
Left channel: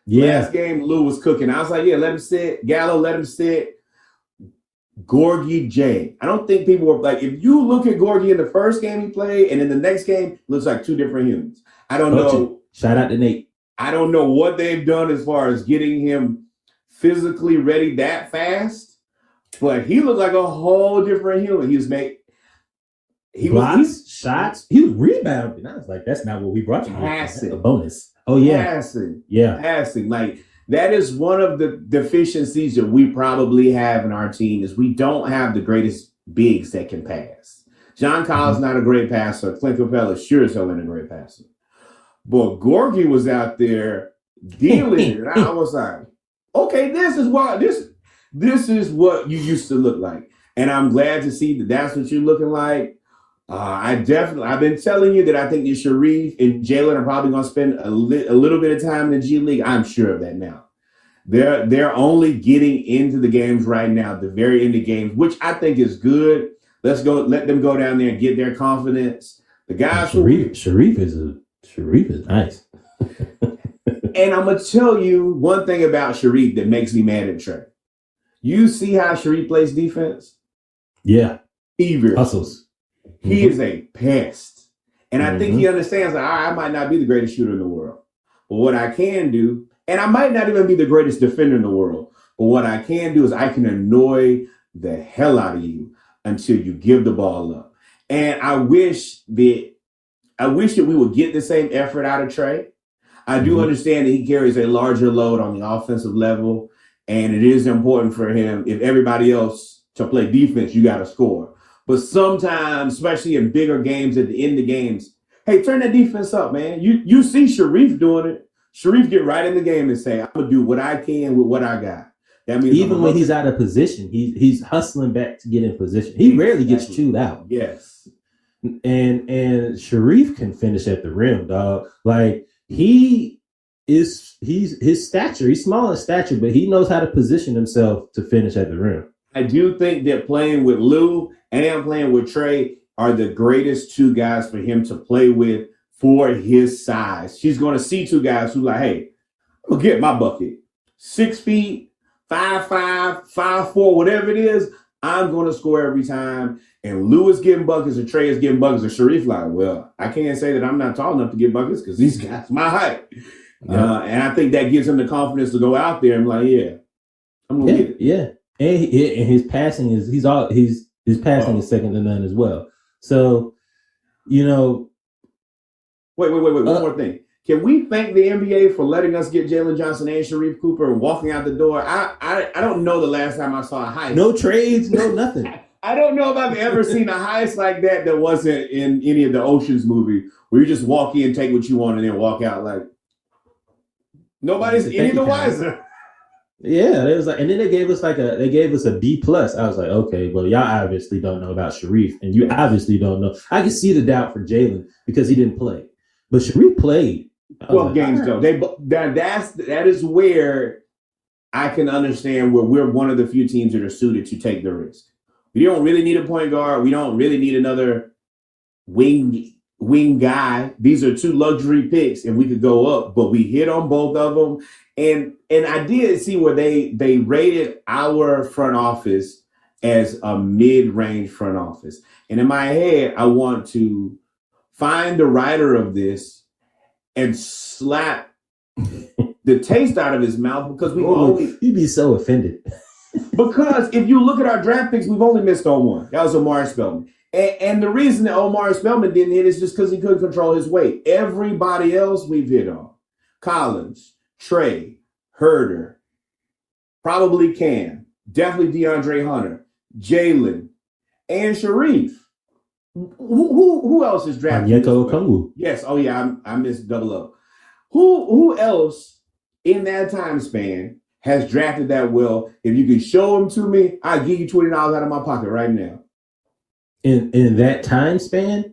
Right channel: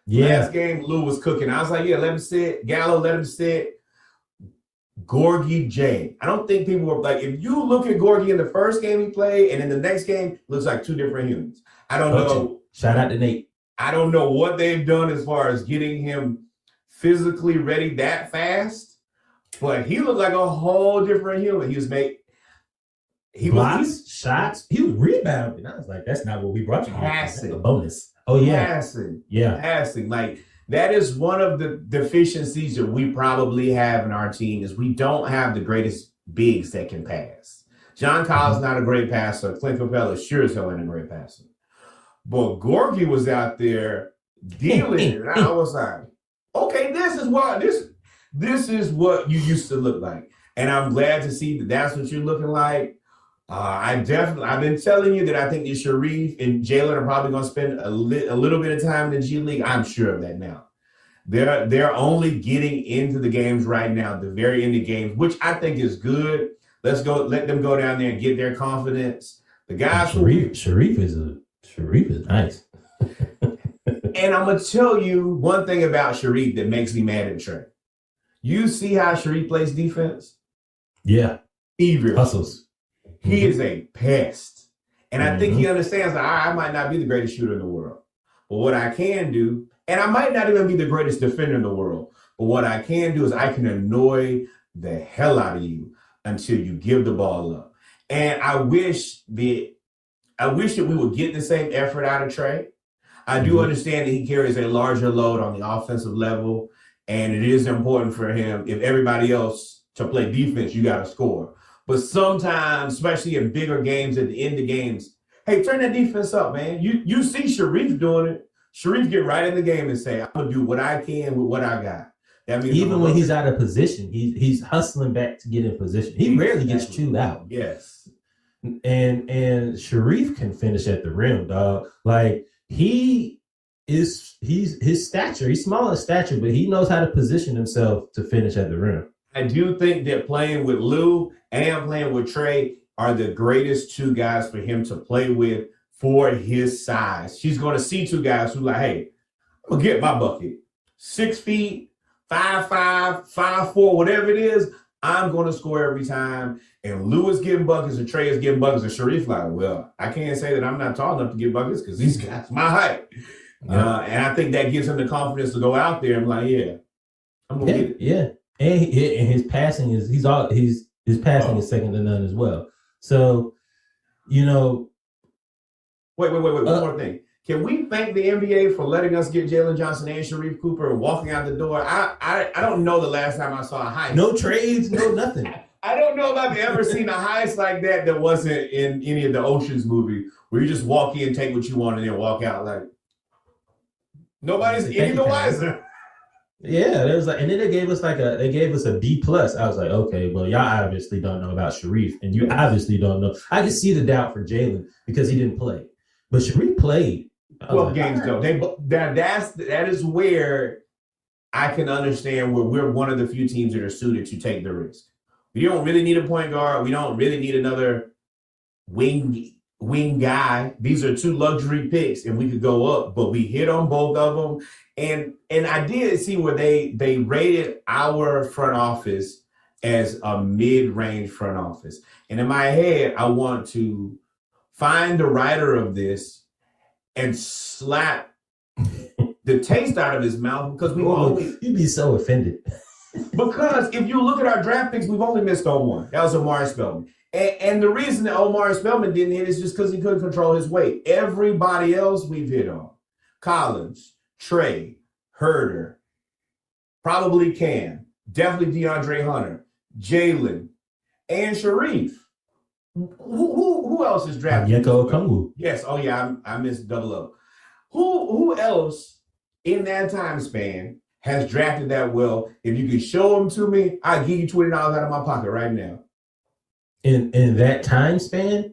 Yeah. Last game, Lou was cooking. I was like, yeah, let him sit. Gallo, let him sit. Gorgie J. I don't think people were like, if you look at Gorgie in the first game he played and in the next game, looks like 2 different humans. I don't know. Shout out to Nate. I don't know what they've done as far as getting him physically ready that fast, but he looked like a whole different human. He was shots. He was rebounding. I was like, that's not what we brought you. Passing. A bonus. Oh yeah. Passing. Like that is one of the deficiencies that we probably have in our team is we don't have the greatest bigs that can pass. John Collins not a great passer. Clint Capella sure as hell ain't a great passer. But Gorgie was out there dealing it. And I was like, okay, this is what you used to look like. And I'm glad to see that that's what you're looking like. I've been telling you that I think that Sharif and Jalen are probably going to spend a little bit of time in the G League. I'm sure of that now. They're only getting into the games right now, the very end of games, which I think is good. Let them go down there and get their confidence. The guys Sharif is nice. And I'm gonna tell you one thing about Sharif that makes me mad at Trey. You see how Sharif plays defense? Yeah. Fever. Hustles. He is a pest. And I think he understands that I might not be the greatest shooter in the world. But what I can do, and I might not even be the greatest defender in the world, but what I can do is I can annoy the hell out of you until you give the ball up. And I wish that we would get the same effort out of Trey. I do understand that he carries a larger load on the offensive level, and it is important for him, if everybody else to play defense, you got to score. But sometimes, especially in bigger games, at the end of games, hey, turn that defense up, man. You see Sharif doing it. Sharif get right in the game and say, I'm going to do what I can with what I got. That means even when he's out of position, he's hustling back to get in position. He rarely gets chewed out. Yes. And Sharif can finish at the rim, dog. Like he's his stature. He's small in stature, but he knows how to position himself to finish at the rim. I do think that playing with Lou and playing with Trey are the greatest 2 guys for him to play with for his size. She's going to see 2 guys who like, hey, I'm going to get my bucket. 6 feet, 5'5", 5'4", whatever it is, I'm going to score every time. And Lou is getting buckets and Trey is getting buckets. And Sharif like, well, I can't say that I'm not tall enough to get buckets because these guys my height. Yeah. And I think that gives him the confidence to go out there and like, yeah, I'm going to get it. Yeah. And his passing is his passing is second to none as well. So, you know. Wait. One more thing. Can we thank the NBA for letting us get Jalen Johnson and Sharif Cooper and walking out the door? I don't know the last time I saw a heist. No trades, no nothing. I don't know if I've ever seen a heist like that wasn't in any of the Ocean's movie where you just walk in, take what you want, and then walk out like nobody's any the wiser. Yeah, there was like, and then they gave us a B plus. I was like, okay, well, y'all obviously don't know about Sharif, and you Yes. obviously don't know. I can see the doubt for Jalen because he didn't play, but Sharif played. 12 games though. That is where I can understand where we're one of the few teams that are suited to take the risk. We don't really need a point guard. We don't really need another wing guy. These are two luxury picks, and we could go up, but we hit on both of them. And I did see where they rated our front office as a mid-range front office. And in my head, I want to find the writer of this and slap the taste out of his mouth because you'd be so offended. Because if you look at our draft picks, we've only missed on one. That was Omari Spellman. And the reason that Omari Spellman didn't hit is just because he couldn't control his weight. Everybody else we've hit on. Collins, Trey, Herder, probably Cam, definitely DeAndre Hunter, Jalen, and Sharif. Who else is drafted? Onyeka Okongwu. Yes. Oh yeah, I missed 00. Who else in that time span has drafted that well? If you can show them to me, I give you $20 out of my pocket right now. In that time span,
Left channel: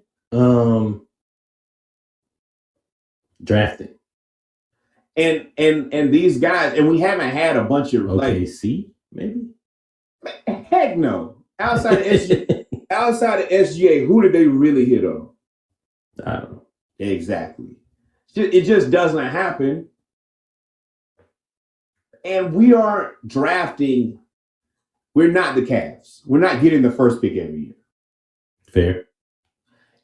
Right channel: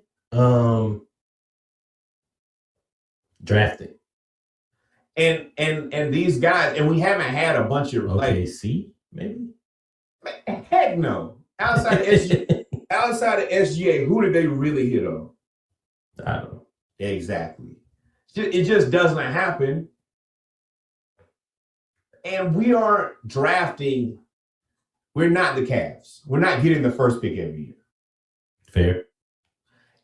drafting. And these guys, and we haven't had a bunch of OKC, maybe. Heck no. Outside of SGA, who did they really hit on? I don't know. Exactly. It just doesn't happen. And we aren't drafting. We're not the Cavs. We're not getting the first pick every year. Fair.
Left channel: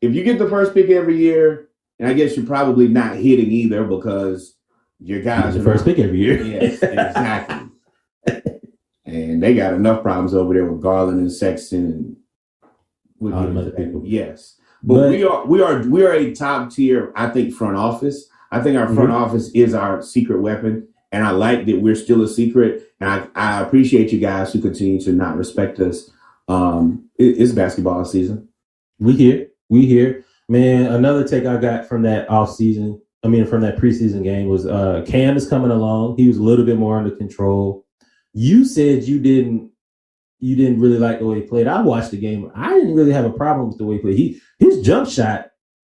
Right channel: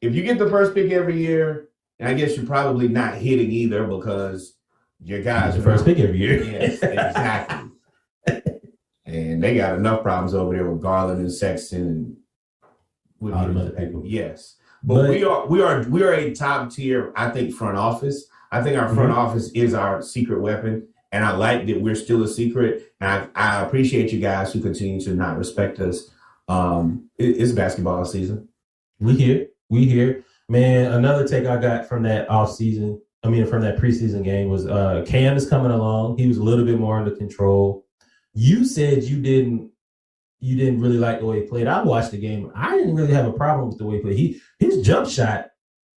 If you get the first pick every year, and I guess you're probably not hitting either because your guys are the first pick every year. Yes, exactly. And they got enough problems over there with Garland and Sexton and all them other people. Yes, but we are a top tier, I think, front office. I think our front office is our secret weapon, and I like that we're still a secret. And I appreciate you guys who continue to not respect us. It's basketball season. We here, man. Another take I got from that from that preseason game was Cam is coming along. He was a little bit more under control. You said you didn't really like the way he played. I watched the game. I didn't really have a problem with the way he played. His jump shot,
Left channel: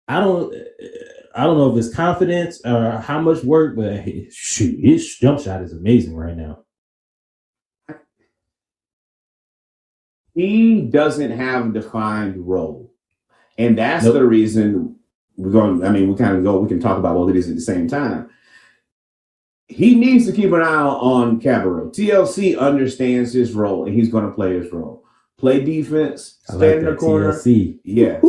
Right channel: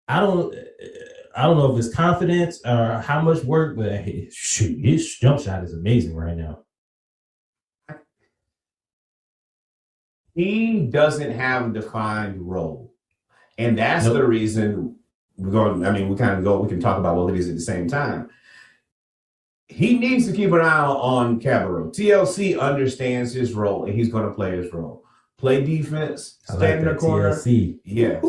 I don't know if it's confidence or how much work, but shoot, his jump shot is amazing right now. He doesn't have a defined role. And that's the reason we can talk about both of these at the same time. He needs to keep an eye on Cabarrot. TLC understands his role, and he's going to play his role. Play defense, stand in the corner. TLC. Yes.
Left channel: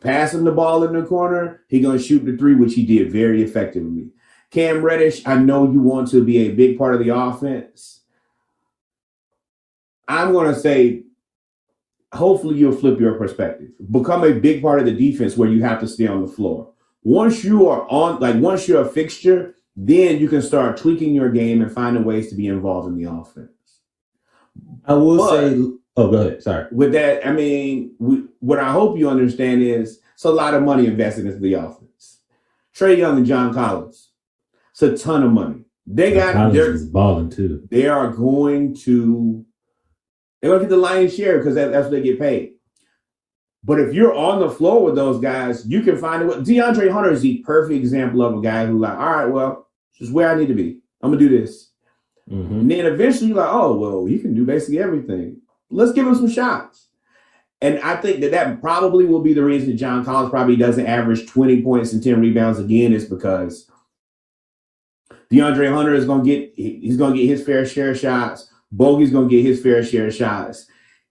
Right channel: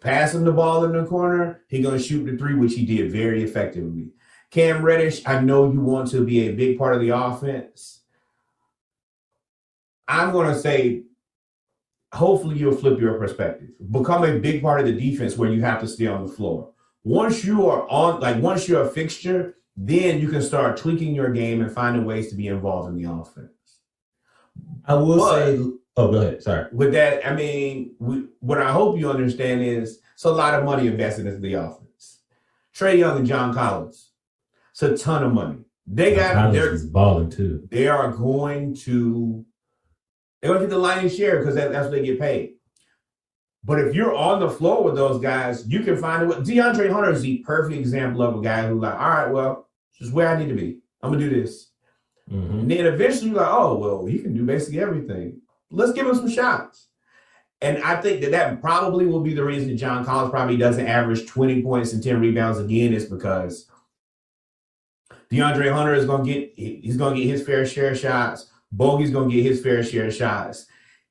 Pass him the ball in the corner. He's going to shoot the three, which he did very effectively. Cam Reddish, I know you want to be a big part of the offense. I'm going to say, hopefully you'll flip your perspective. Become a big part of the defense where you have to stay on the floor. Once you're a fixture, then you can start tweaking your game and finding ways to be involved in the offense. I will say, go ahead. Sorry. With that, what I hope you understand is it's a lot of money invested into the offense. Trae Young and John Collins, it's a ton of money. Collins is balling too. They're going to get the lion's share because that's what they get paid. But if you're on the floor with those guys, you can find a way. DeAndre Hunter is the perfect example of a guy who all right, well, this is where I need to be. I'm going to do this. Mm-hmm. And then eventually you're like, oh, well, he can do basically everything. Let's give him some shots. And I think that probably will be the reason John Collins probably doesn't average 20 points and 10 rebounds again, is because DeAndre Hunter is going to get his fair share of shots. Bogey's going to get his fair share of shots.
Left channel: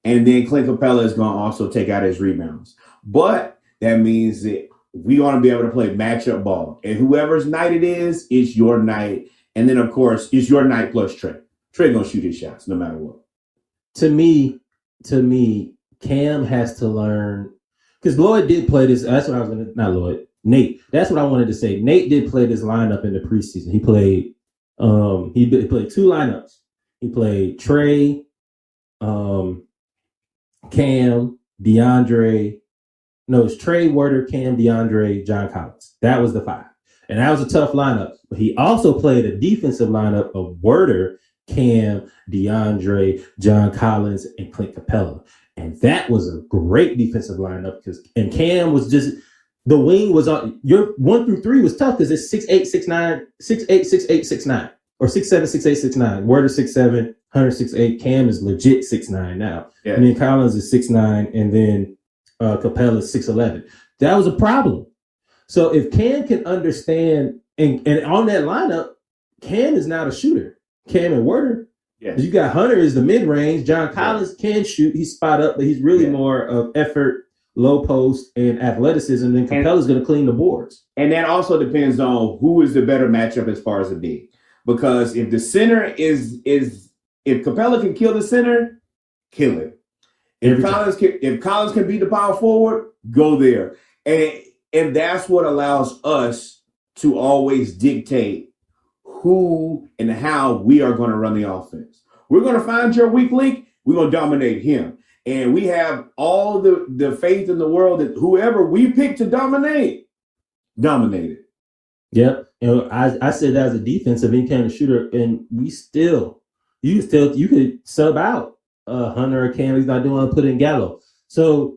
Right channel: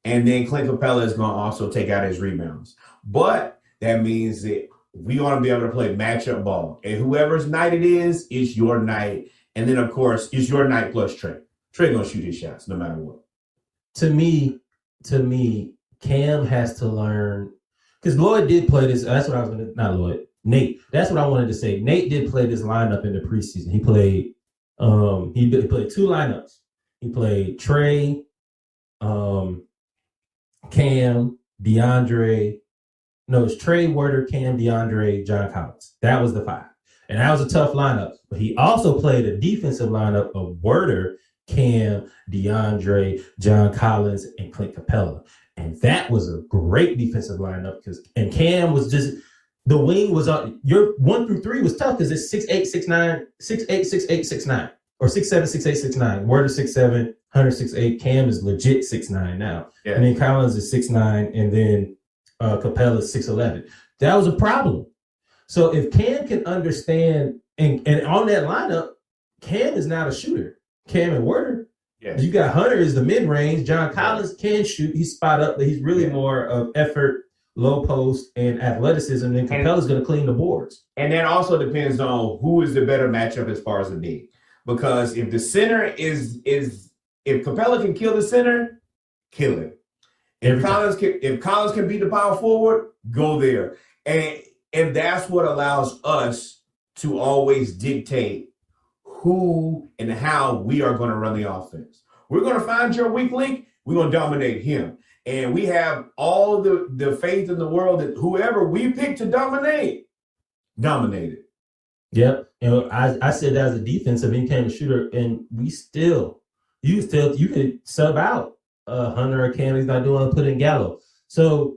And then Clint Capella is going to also take out his rebounds. But that means that we're going to be able to play matchup ball. And whoever's night it is, it's your night. And then, of course, it's your night plus Trae. Trae going to shoot his shots no matter what. To me, Cam has to learn, because Lloyd did play this. That's what I was going to, not Lloyd, Nate. That's what I wanted to say. Nate did play this lineup in the preseason. He played two lineups. He played Trae, Cam, DeAndre. No, it's Trae, Werder, Cam, DeAndre, John Collins. That was the five. And that was a tough lineup. But he also played a defensive lineup of Werder, Cam, DeAndre, John Collins, and Clint Capella. And that was a great defensive lineup and Cam was just the wing was on your 1 through 3 was tough because it's 6'8", 6'9", 6'8", 6'8", 6'9", or 6'7", 6'8", 6'9". Werder 6'7", Hunter 6'8". Cam is legit 6'9" now. Yeah. And then Collins is 6'9", and then Capella is 6'11". That was a problem. So if Cam can understand, and on that lineup, Cam is now the shooter. Cam and Werder. Yes. You got Hunter is the mid-range. John Collins can shoot. He's spot up, but he's really more of effort, low post, and athleticism. Then Capella's going to clean the boards. And that also depends on who is the better matchup as far as the big. Because if the center is if Capella can kill the center, kill him. If Collins can beat the power forward, go there. And that's what allows us to always dictate who and how we are going to run the offense. We're going to find your weak link. We're going to dominate him. And we have all the faith in the world that whoever we pick to dominate it. Yep. And I said that as a defensive end kind of shooter, and you could sub out Hunter or Cam. He's not doing put in Gallo. So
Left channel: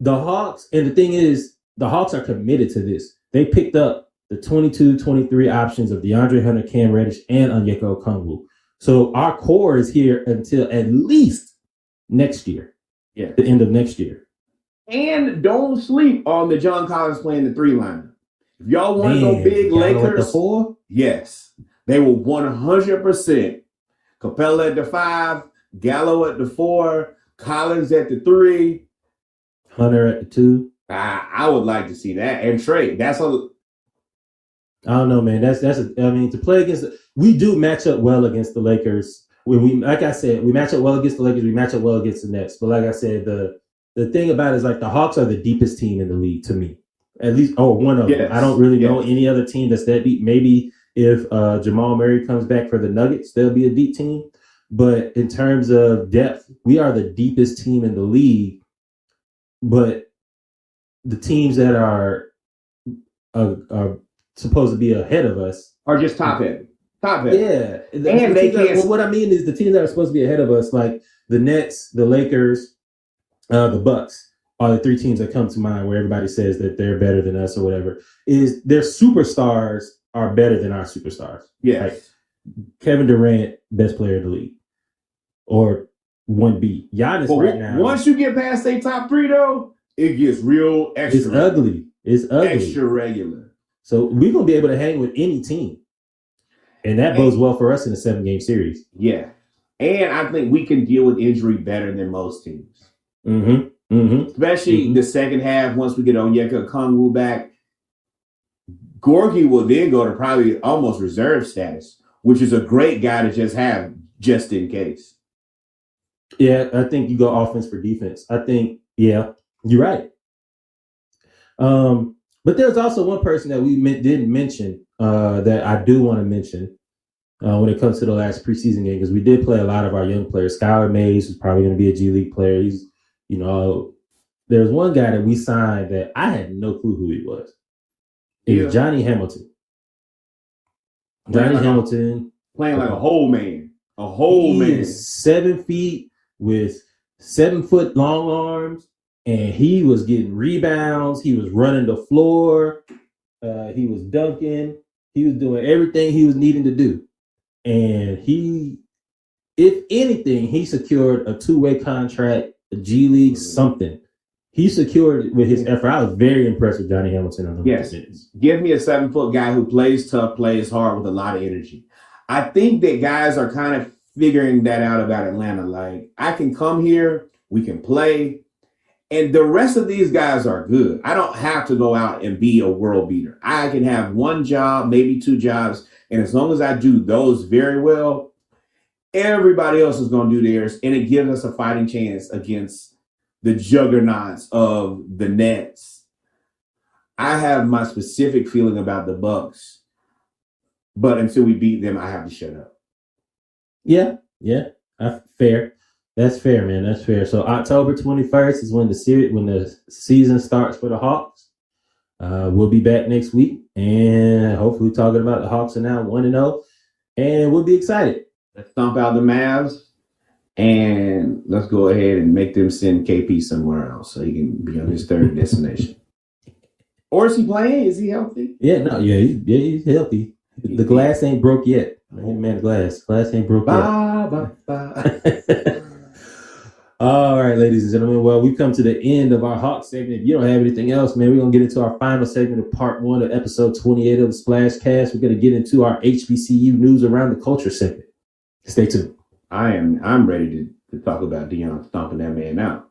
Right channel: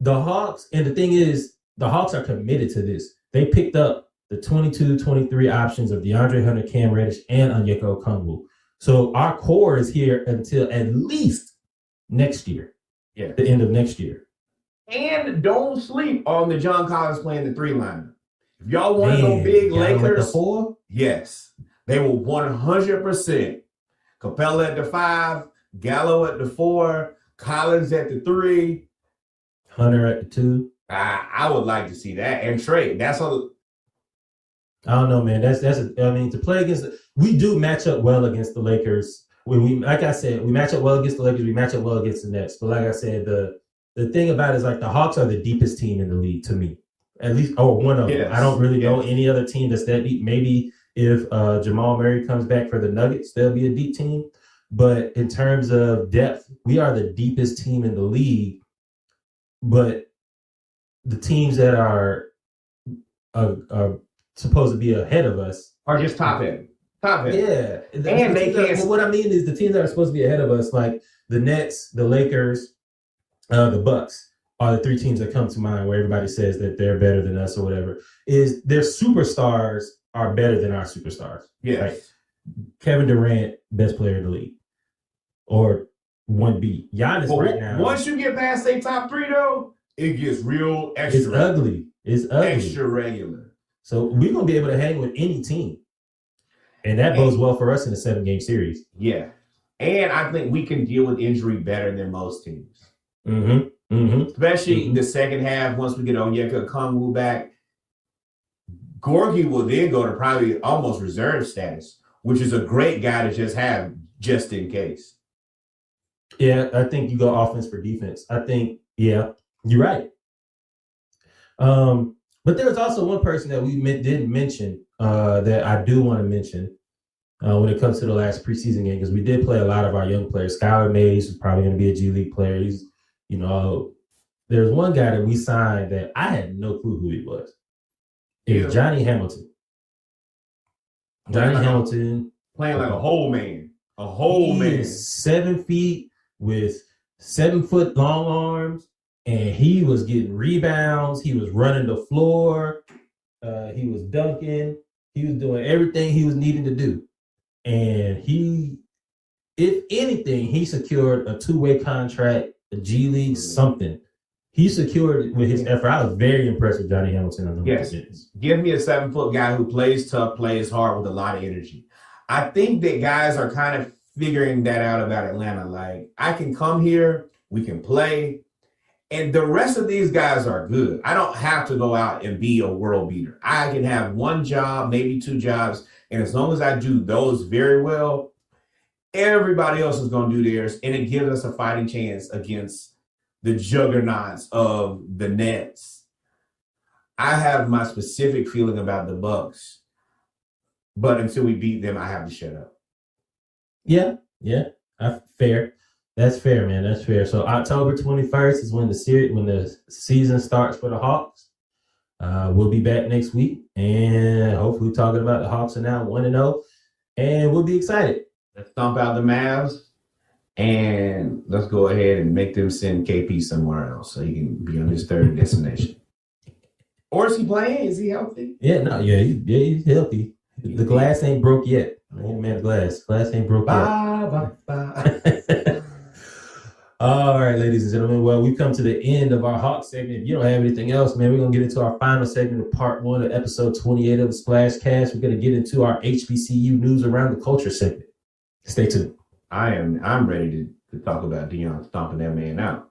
the Hawks, and the thing is, the Hawks are committed to this. They picked up the 22-23 options of DeAndre Hunter, Cam Reddish, and Onyeka Okongwu. So our core is here until at least next year. Yeah, the end of next year. And don't sleep on the John Collins playing the 3 liner. If y'all want to go big, Gallo Lakers, at the 4? Yes, they will 100%. Capella at the 5, Gallo at the 4, Collins at the 3, Hunter at the 2. I would like to see that. And Trey, I don't know, man. To play against we do match up well against the Lakers. Like I said, we match up well against the Lakers. We match up well against the Nets. But like I said, the thing about it is like the Hawks are the deepest team in the league to me, at least, or one of them. I don't really know any other team that's that deep. Maybe if Jamal Murray comes back for the Nuggets, they'll be a deep team. But in terms of depth, we are the deepest team in the league. But the teams that are supposed to be ahead of us are just top heavy. Yeah. What I mean is the teams that are supposed to be ahead of us, like the Nets, the Lakers, the Bucks, are the 3 teams that come to mind where everybody says that they're better than us or whatever, is their superstars are better than our superstars. Yes. Right? Kevin Durant, best player in the league. Or 1B. Giannis right now. Once you get past a top 3, though, it gets real extra. It's ugly. Extra regular. So we're going to be able to hang with any team. And that bodes well for us in a 7-game series. Yeah. And I think we can deal with injury better than most teams. Especially the second half, once we get Onyeka Okongwu back. Gorgie will then go to probably almost reserve status, which is a great guy to just have just in case. Yeah, I think you go offense for defense. I think, you're right. But there's also one person that we didn't mention that I do want to mention when it comes to the last preseason game, because we did play a lot of our young players. Skylar Mays is probably going to be a G League player. He's, there's one guy that we signed that I had no clue who he was. It was Johnny Hamilton. Hamilton. Playing like a whole man. A whole man. Is 7 feet with 7-foot long arms. And he was getting rebounds. He was running the floor. He was dunking. He was doing everything he was needing to do. And if anything, he secured a 2-way contract, a G League, something. He secured with his effort. I was very impressed with Johnny Hamilton on the minutes. Give me a 7-foot guy who plays tough, plays hard with a lot of energy. I think that guys are kind of figuring that out about Atlanta. Like, I can come here, we can play. And the rest of these guys are good. I don't have to go out and be a world beater. I can have 1 job, maybe 2 jobs. And as long as I do those very well, everybody else is going to do theirs. And it gives us a fighting chance against the juggernauts of the Nets. I have my specific feeling about the Bucks. But until we beat them, I have to shut up. Yeah. Fair. That's fair, man. That's fair. So October 21st is when the season starts for the Hawks. We'll be back next week and hopefully talking about the Hawks are now 1-0, and we'll be excited. Let's stomp out the Mavs and let's go ahead and make them send KP somewhere else so he can be on his third destination. Or is he playing? Is he healthy? Yeah, he's healthy. The glass ain't broke yet. Man, the glass ain't broke yet. Bye. All right, ladies and gentlemen. Well, we've come to the end of our Hawk segment. If you don't have anything else, man, we're going to get into our final segment of part 1 of episode 28 of the Splash Cast. We're going to get into our HBCU news around the culture segment. Stay tuned. I'm ready to talk about Deion stomping that man out.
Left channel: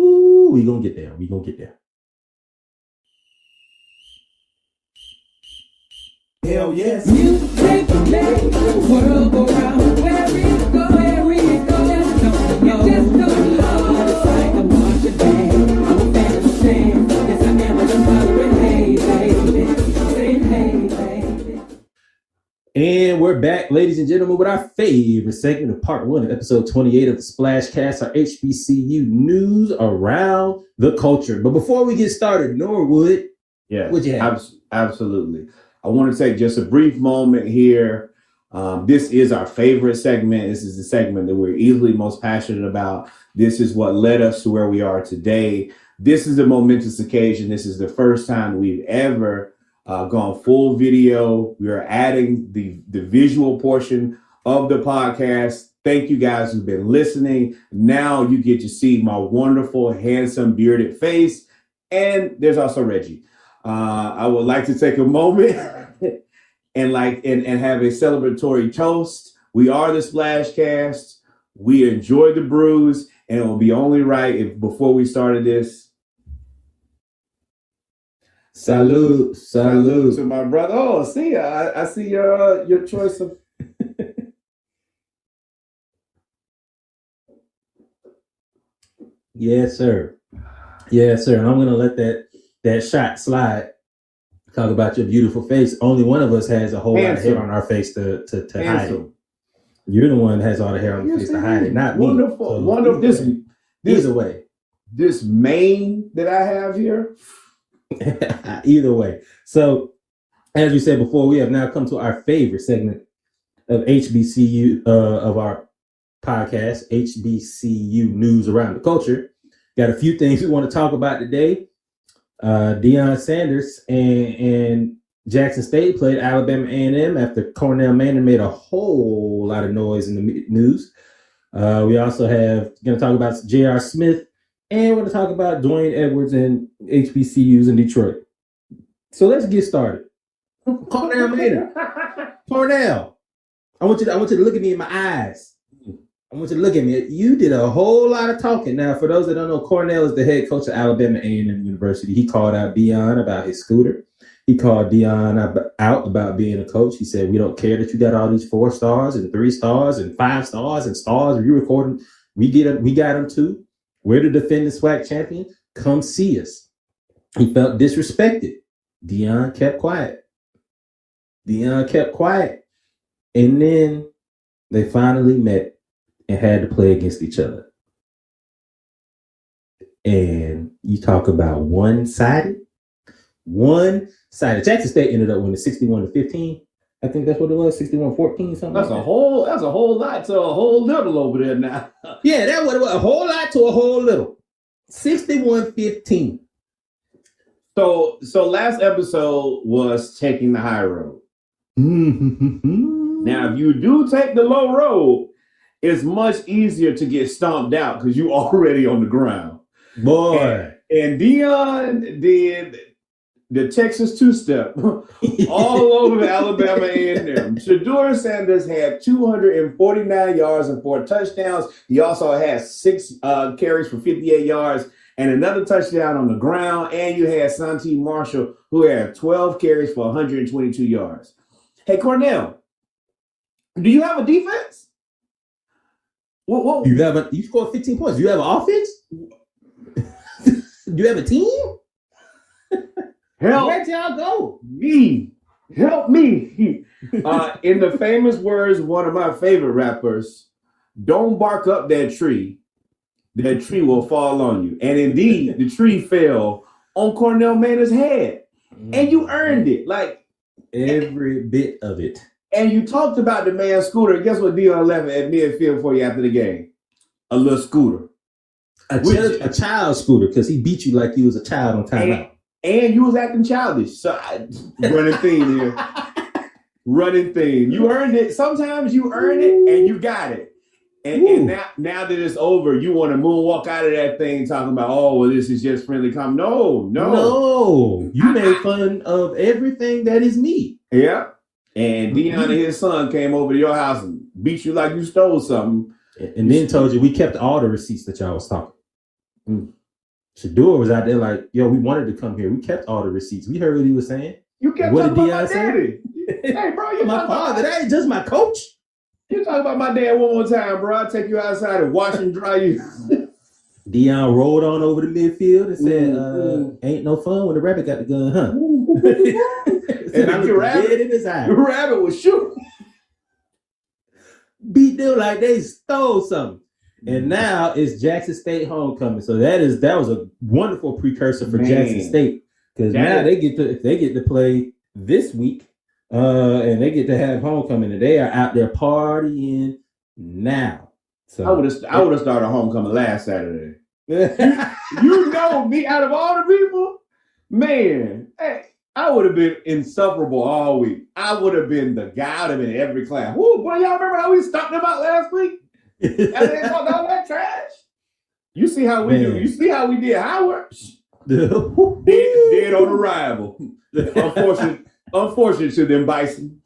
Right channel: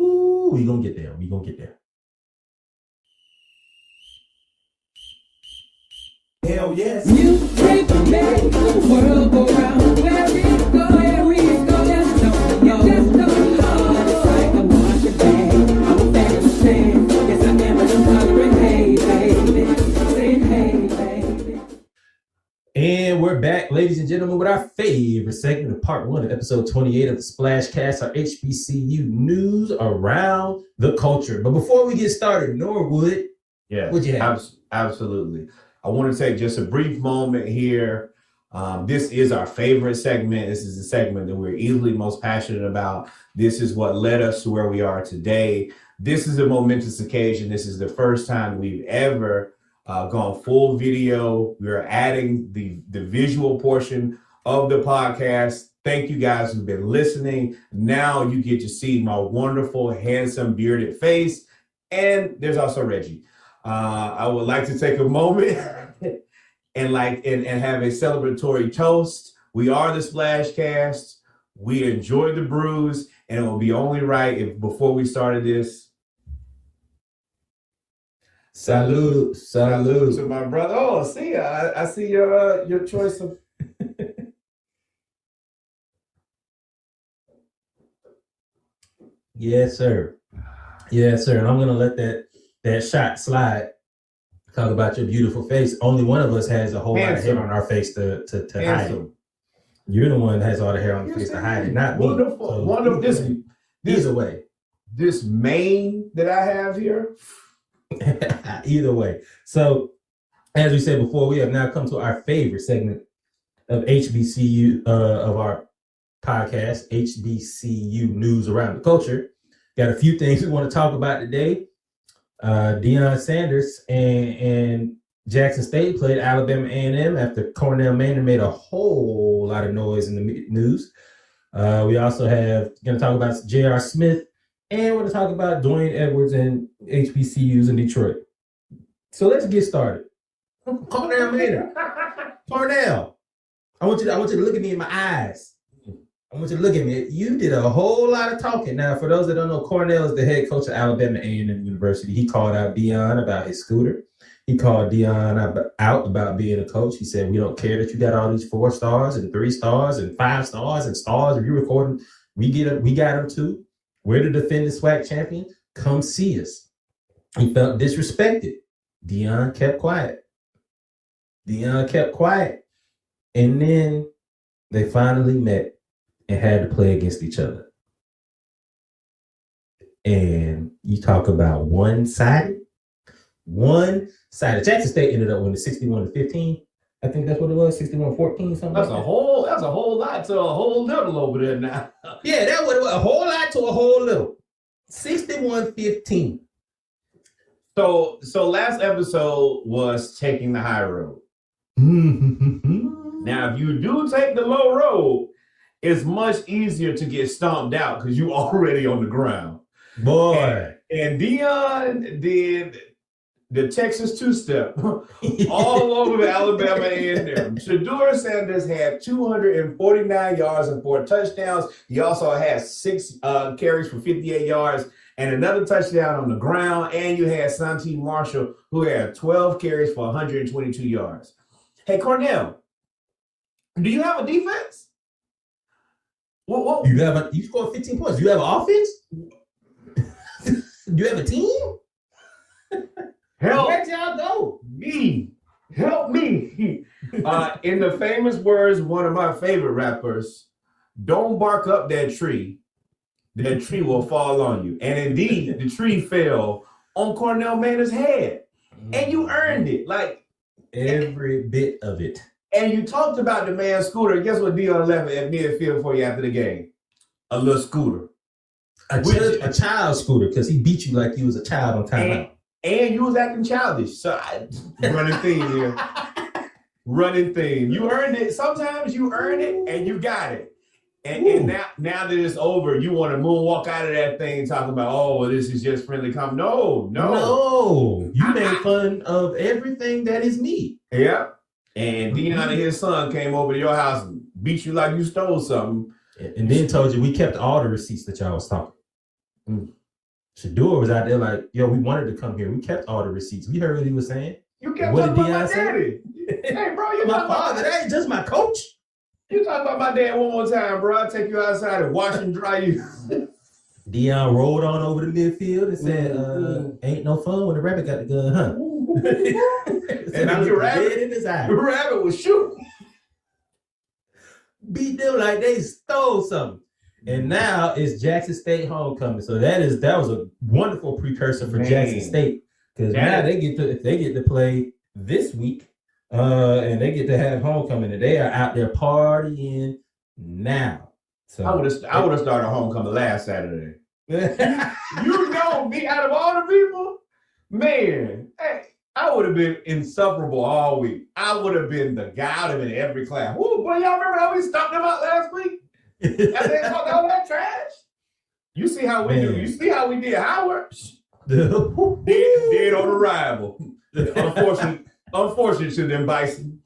Ooh, we're going to get there. Hell yes. And we're back, ladies and gentlemen, with our favorite segment of part 1 of episode 28 of the Splash Cast, our HBCU news around the culture. But before we get started, Norwood, what'd you have? Absolutely. I want to take just a brief moment here. This is our favorite segment. This is the segment that we're easily most passionate about. This is what led us to where we are today. This is a momentous occasion. This is the first time we've ever gone full video. We are adding the visual portion of the podcast. Thank you guys who've been listening. Now you get to see my wonderful, handsome, bearded face. And there's also Reggie. I would like to take a moment and have a celebratory toast. We are the Splash Cast. We enjoyed the brews, and it will be only right if before we started this. Salute to my brother. Oh, see, I see your choice of. Yes, sir. And I'm gonna let that shot slide. Talk about your beautiful face. Only one of us has a whole lot of hair on our face to hide it. You're the one that has all the hair on your face to hide it, not wonderful, me. Wonderful. Either way. This mane that I have here. Either way. So, as we said before, we have now come to our favorite segment of HBCU of our podcast, HBCU news around the culture. Got a few things we want to talk about today. Deion Sanders and Jackson State played Alabama A&M after Cornell Manning made a whole lot of noise in the news. We also going to talk about J.R. Smith, and we're going to talk about Dwayne Edwards and HBCUs in Detroit. So let's get started. Cornell Manning. Cornell, I want you to look at me in my eyes. I want you to look at me. You did a whole lot of talking. Now, for those that don't know, Cornell is the head coach of Alabama A&M University. He called out Deion about his scooter. He called Deion out about being a coach. He said, we don't care that you got all these 4 stars and 3 stars and 5 stars and stars. If you record them, we got them too. We're the defending SWAC champion. Come see us. He felt disrespected. Deion kept quiet. And then they finally met and had to play against each other. And you talk about one-sided. Jackson State ended up winning 61-15. I think that's what it was, 61-14, something. That's a whole lot to a whole little over there now. Yeah, that was a whole lot to a whole little. 61-15. So last episode was taking the high road. Mm-hmm. Now, if you do take the low road, it's much easier to get stomped out because you already on the ground. Boy. And Deion did the Texas two-step all over Alabama A&M. Shedeur Sanders had 249 yards and 4 touchdowns. He also had 6 carries for 58 yards and another touchdown on the ground. And you had Santi Marshall, who had 12 carries for 122 yards. Hey, Cornell, do you have a defense? What? You scored 15 points. Do you have an offense? Do you have a team? Where'd y'all go? Help me. In the famous words, one of my favorite rappers, don't bark up that tree. That tree will fall on you. And indeed, the tree fell on Cornell Manning's head. and you earned it. Like every bit of it. And you talked about the man Scooter. Guess what Dion left at midfield for you after the game? A little scooter. A child scooter, because he beat you like you was a child on timeout. And you was acting childish. So running theme here. Running theme. You earned it. Sometimes you earn it and you got it. And now that it's over, you want to moonwalk out of that thing talking about, oh, well, this is just friendly come. No. You made fun of everything that is me. Yeah. And Dion and his son came over to your house and beat you like you stole something. And then told you we kept all the receipts that y'all was talking. Shador was out there like, yo, we wanted to come here. We kept all the receipts. We heard what he was saying. You kept what talking did about Dion my daddy. Hey, bro, you my father. That ain't just my coach. You talk about my dad one more time, bro. I'll take you outside and wash and dry you. Dion rolled on over the midfield and said, ain't no fun when the rabbit got the gun, huh? Said, I looked dead in his eye. The rabbit was shooting. Beat them like they stole something. And now it's Jackson State homecoming. So that was a wonderful precursor for Jackson State. Because now they get to play this week. And they get to have homecoming, and they are out there partying now. So I would have started homecoming last Saturday. you know me, out of all the people, man. Hey, I would have been insufferable all week. I would have been the guy. I would have been in every class. Woo, boy, y'all remember how we stumped them out last week? And they talked all that trash. You see how we do. You see how we did Howard. dead on arrival. Unfortunate to them Bison.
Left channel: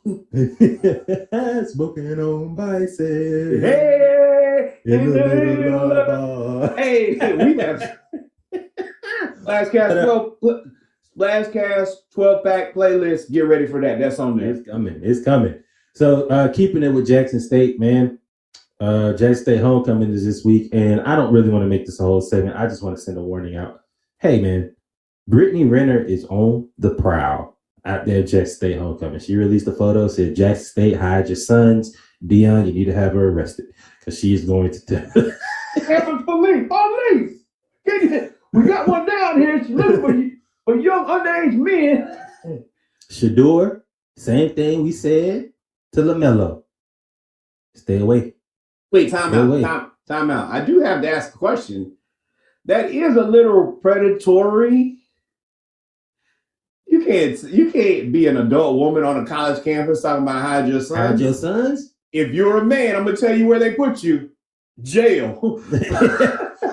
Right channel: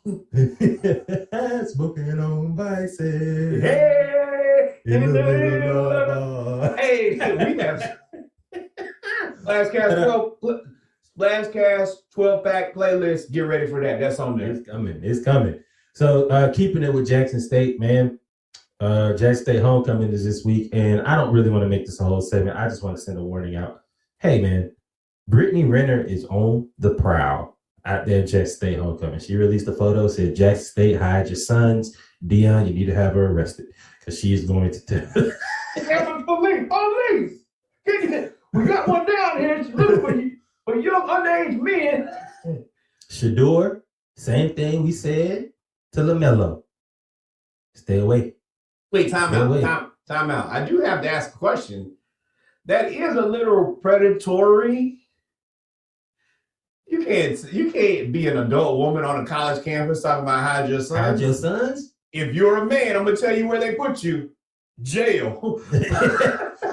Smoking on Bison. Hey, in the middle of the bar. Hey, we have Last Cast 12-pack playlist. Get ready for that. That's on there. It's coming. So keeping it with Jackson State, man. Jackson State homecoming is this week, and I don't really want to make this a whole segment. I just want to send a warning out. Hey, man, Brittany Renner is on the prowl out there at Jackson State homecoming. She released a photo, said, Jackson State, hide your sons. Dion, you need to have her arrested because she is going to Police. We got one down here. She's looking for young underage men. Shador, same thing we said to LaMelo. Stay away. Wait, time out. I do have to ask a question. That is a little predatory. You can't be an adult woman on a college campus talking about hide your sons. Hide your sons? If you're a man, I'm gonna tell you where they put you. Jail.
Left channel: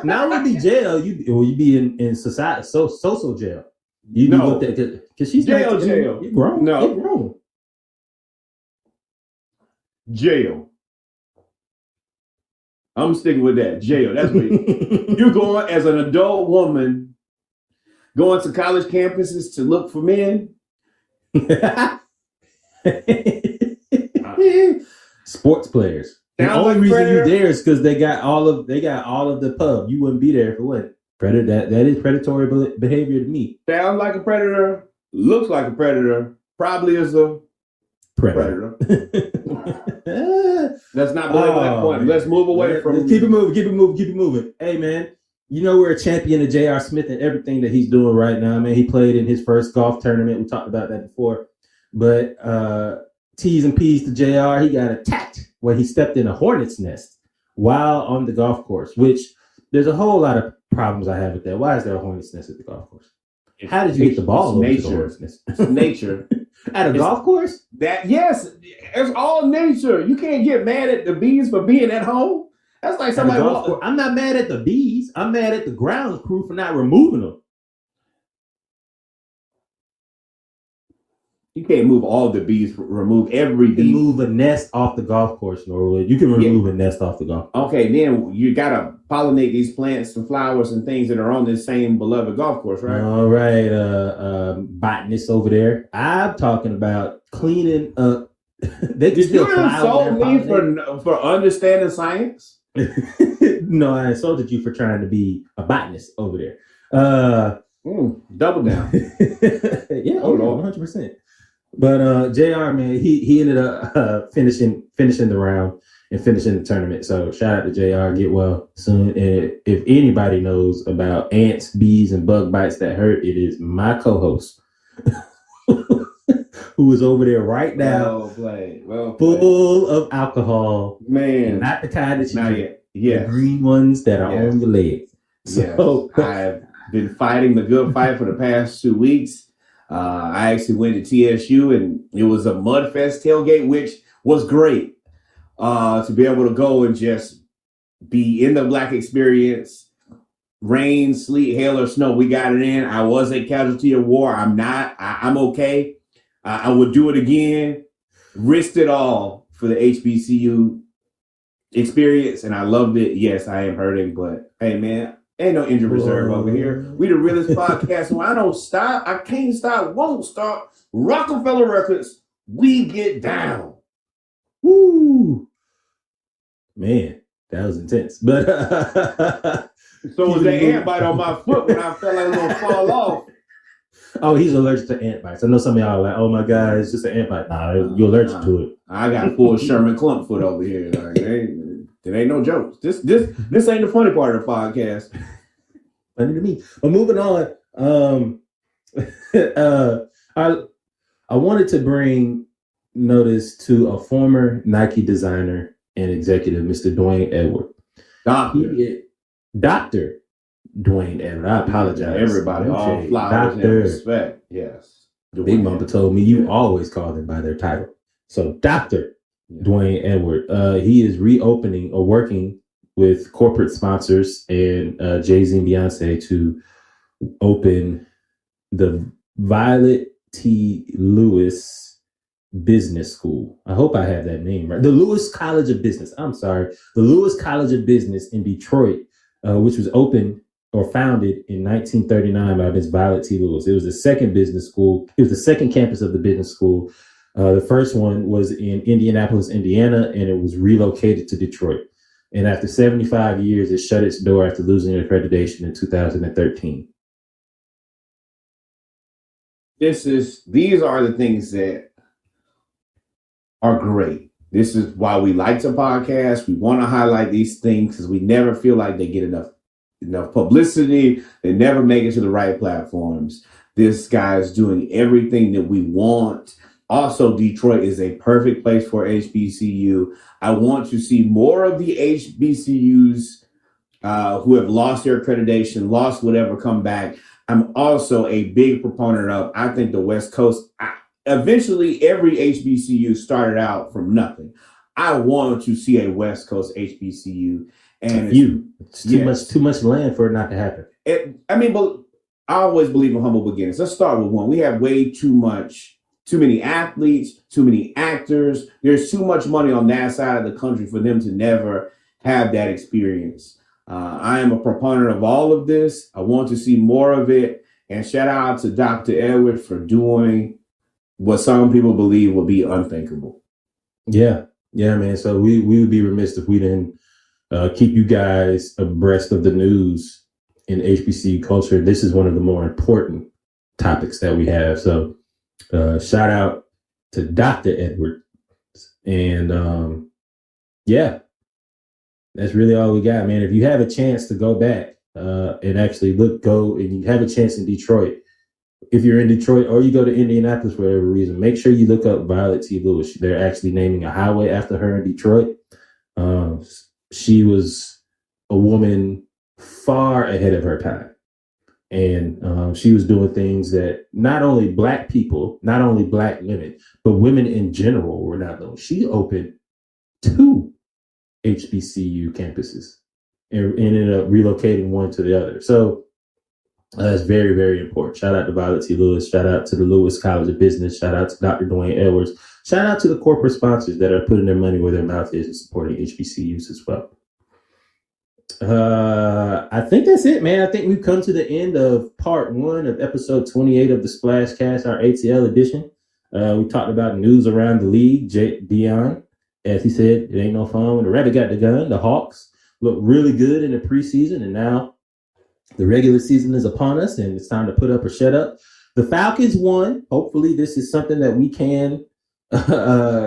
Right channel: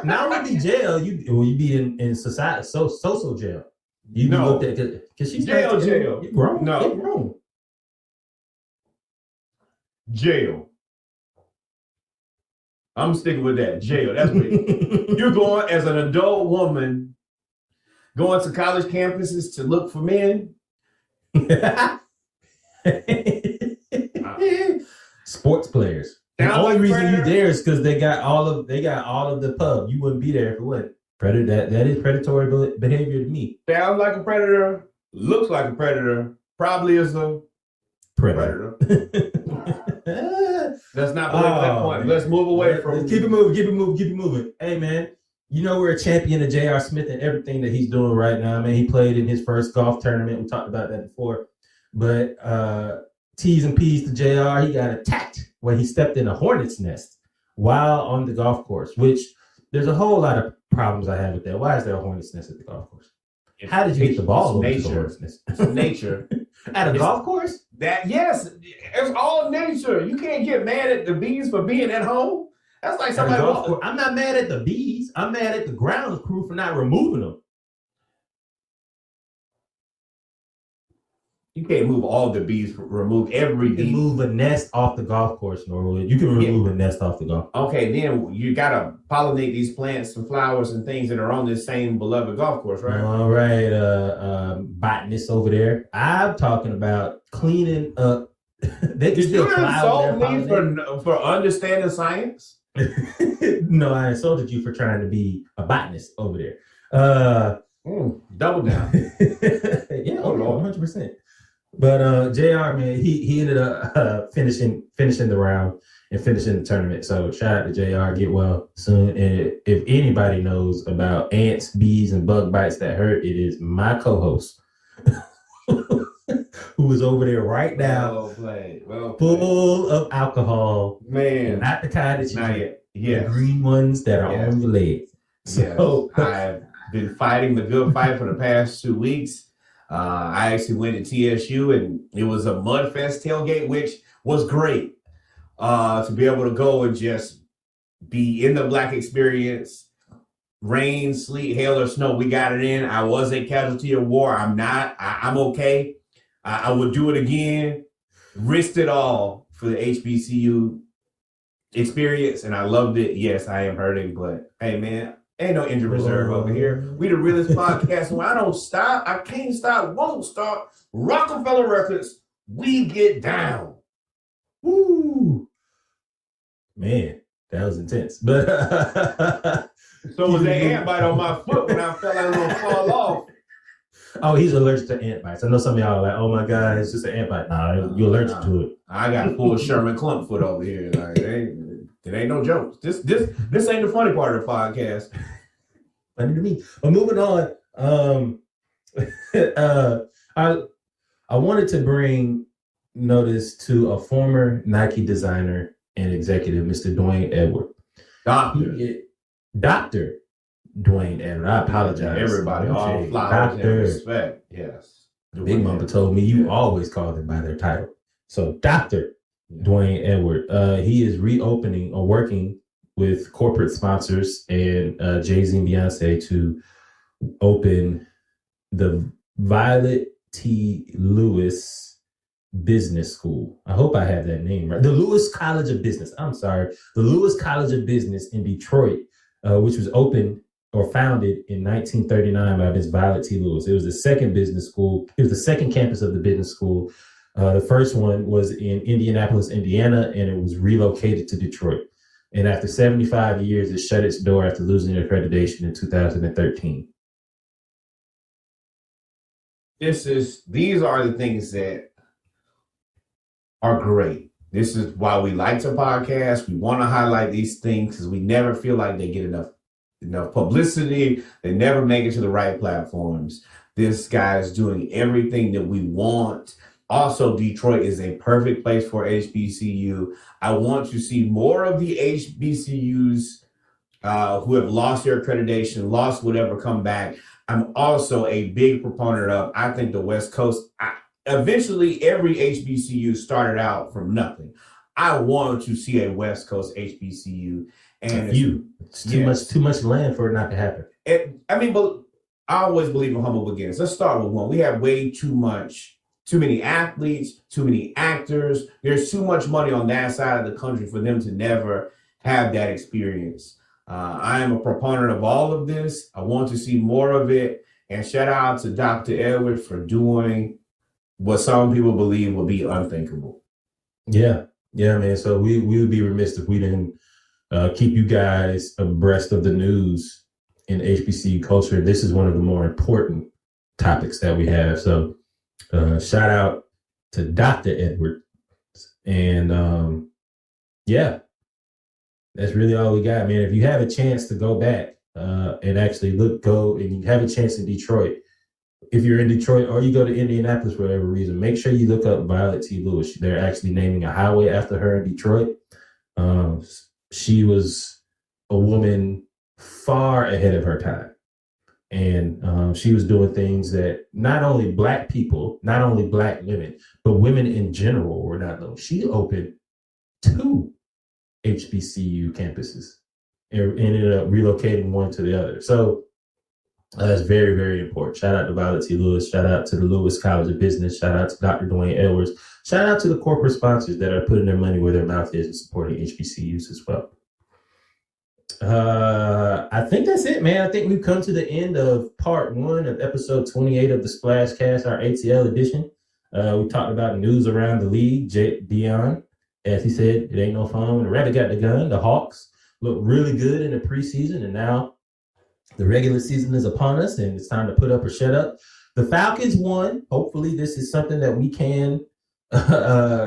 Now it would be jail. You'd be in society, social jail. You'd be looked at because she's jail. You're grown. No, they're grown. Jail. I'm sticking with that. Jail. That's what you're going as an adult woman. Going to college campuses to look for men? Sports players. The only reason you're there is because they got all of the pub. You wouldn't be there if it wasn't. Predator. That is predatory behavior to me. Sounds like a predator. Looks like a predator. Probably is a predator. Let's not belabor that point. Man. Let's move away from. Let's keep it moving. Hey, man. You know, we're a champion of J.R. Smith and everything that he's doing right now, man. He played in his first golf tournament. We talked about that before. But T's and P's to J.R., he got attacked when he stepped in a hornet's nest while on the golf course, which there's a whole lot of problems I have with that. Why is there a hornet's nest at the golf course? How did you get the ball over to the hornet's nest? It's nature. At a golf course? Yes, it's all nature. You can't get mad at the bees for being at home. That's like somebody. I'm not mad at the bees. I'm mad at the grounds crew for not removing them. You can't move all the bees. Remove every bee. You can move a nest off the golf course, Norwood. You can remove a nest off the golf. Okay, then you gotta pollinate these plants and flowers and things that are on this same beloved golf course, right? All right, botanists over there. I'm talking about cleaning up. They can still fly over there. Did you insult me for understanding science? No, I insulted you for trying to be a botanist over there. Double down. Yeah, Lord, 100%. But JR, man, he ended up finishing the round and finishing the tournament. So shout out to JR. Get well soon. And if anybody knows about ants, bees, and bug bites that hurt, it is my co-host. who is over there right now, Well played. full of alcohol, Man. and not the kind that you Not drink. yet. Yes. The green ones that are Yes. on your legs. So Yes. I've been fighting the good fight for the past 2 weeks. I actually went to TSU and it was a Mudfest tailgate, which was great. To be able to go and just be in the Black experience, rain, sleet, hail, or snow. We got it in. I was a casualty of war. I'm not. I'm okay. I would do it again. Risked it all for the HBCU experience, and I loved it. Yes, I am hurting, but hey, man, ain't no injury reserve over here. We the realest podcast. So I don't stop. I can't stop. Won't stop. Rockefeller Records. We get down. woo, man, that was intense. But So was Keep it that moving. ant bite on my foot when I felt like it was gonna fall off. oh, he's allergic to ant bites. I know some of y'all are like, oh my God, it's just an ant bite. Nah, you're allergic to it. I got full Sherman Clump foot over here. Like it ain't no jokes. This ain't the funny part of the podcast. Funny to me. But moving on, I wanted to bring notice to a former Nike designer and executive, Mr. Dwayne Edward. Dr. Dwayne Edward. I apologize. Everybody, No all shade. flowers and Dr. respect. Yes. Big Dwayne Mama Edwards. told me you Yeah. always call them by their title. So Dr. Yeah. Dwayne Edward, he is reopening or working with corporate sponsors and Jay-Z and Beyonce to open the Violet T. Lewis Business School. I hope I have that name right. The Lewis College of Business. I'm sorry. The Lewis College of Business in Detroit, which was opened or founded in 1939 by Ms. Violet T. Lewis. It was the second business school. It was the second campus of the business school. The first one was in Indianapolis, Indiana, and it was relocated to Detroit. And after 75 years, it shut its door after losing accreditation in 2013. These are the things that are great. This is why we like to podcast. We want to highlight these things because we never feel like they get enough publicity. They never make it to the right platforms. This guy is doing everything that we want. Also, Detroit is a perfect place for HBCU. I want to see more of the HBCUs who have lost their accreditation, lost whatever, come back. I'm also a big proponent of, I think the West Coast, eventually every HBCU started out from nothing. I want to see a West Coast HBCU. And it's too much land for it not to happen. But I always believe in humble beginnings. Let's start with one. We have way too many athletes, too many actors. There's too much money on that side of the country for them to never have that experience. I am a proponent of all of this. I want to see more of it. And shout out to Dr. Edward for doing what some people believe will be unthinkable. Yeah, man. So we would be remiss if we didn't keep you guys abreast of the news in HBCU culture. This is one of the more important topics that we have. So shout out to Dr. Edward. And that's really all we got, man. If you have a chance to go back and actually go and you have a chance in Detroit, if you're in Detroit or you go to Indianapolis for whatever reason, make sure you look up Violet T. Lewis. They're actually naming a highway after her in Detroit. She was a woman far ahead of her time. And she was doing things that not only Black people, not only Black women, but women in general were not doing. She opened 2 HBCU campuses and ended up relocating one to the other. So that's very, very important. Shout out to Violet T. Lewis. Shout out to the Lewis College of Business. Shout out to Dr. Dwayne Edwards. Shout out to the corporate sponsors that are putting their money where their mouth is and supporting HBCUs as well. I think that's it, man. I think we've come to the end of part 1 of episode 28 of the Splashcast, our ATL edition. We talked about news around the league. Deion, as he said, it ain't no fun when the rabbit got the gun. The Hawks look really good in the preseason, and now the regular season is upon us, and it's time to put up or shut up. The Falcons won. Hopefully, this is something that we can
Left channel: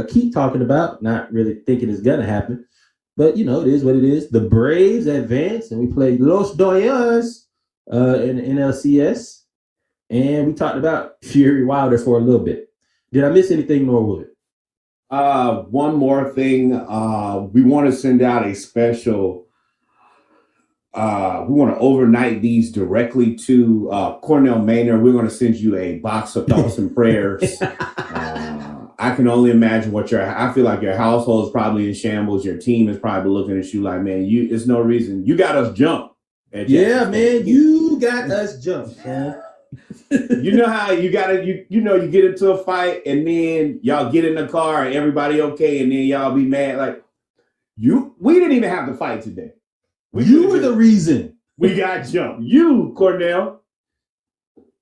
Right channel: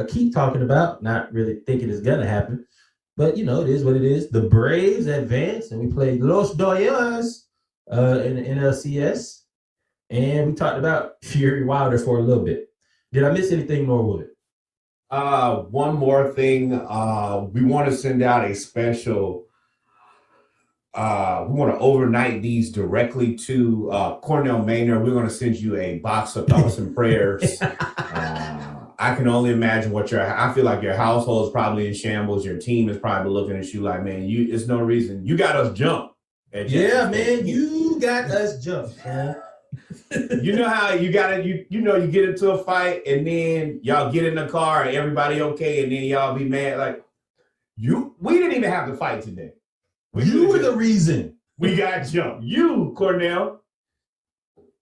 keep talking about. Not really thinking it's going to happen. But, it is what it is. The Braves advanced, and we played Los Dodgers in the NLCS. And we talked about Fury Wilder for a little bit. Did I miss anything, Norwood? One more thing. We want to send out a special. We want to overnight these directly to Cornell Maynard. We're going to send you a box of thoughts and prayers. I can only imagine I feel like your household is probably in shambles. Your team is probably looking at you like, man, it's no reason. You got us jumped. Yeah, man, you got us jumped, man. You know how you get into a fight and then y'all get in the car and everybody okay, and then y'all be mad like we didn't even have to fight today. You were the reason we got jumped. You, Cornell,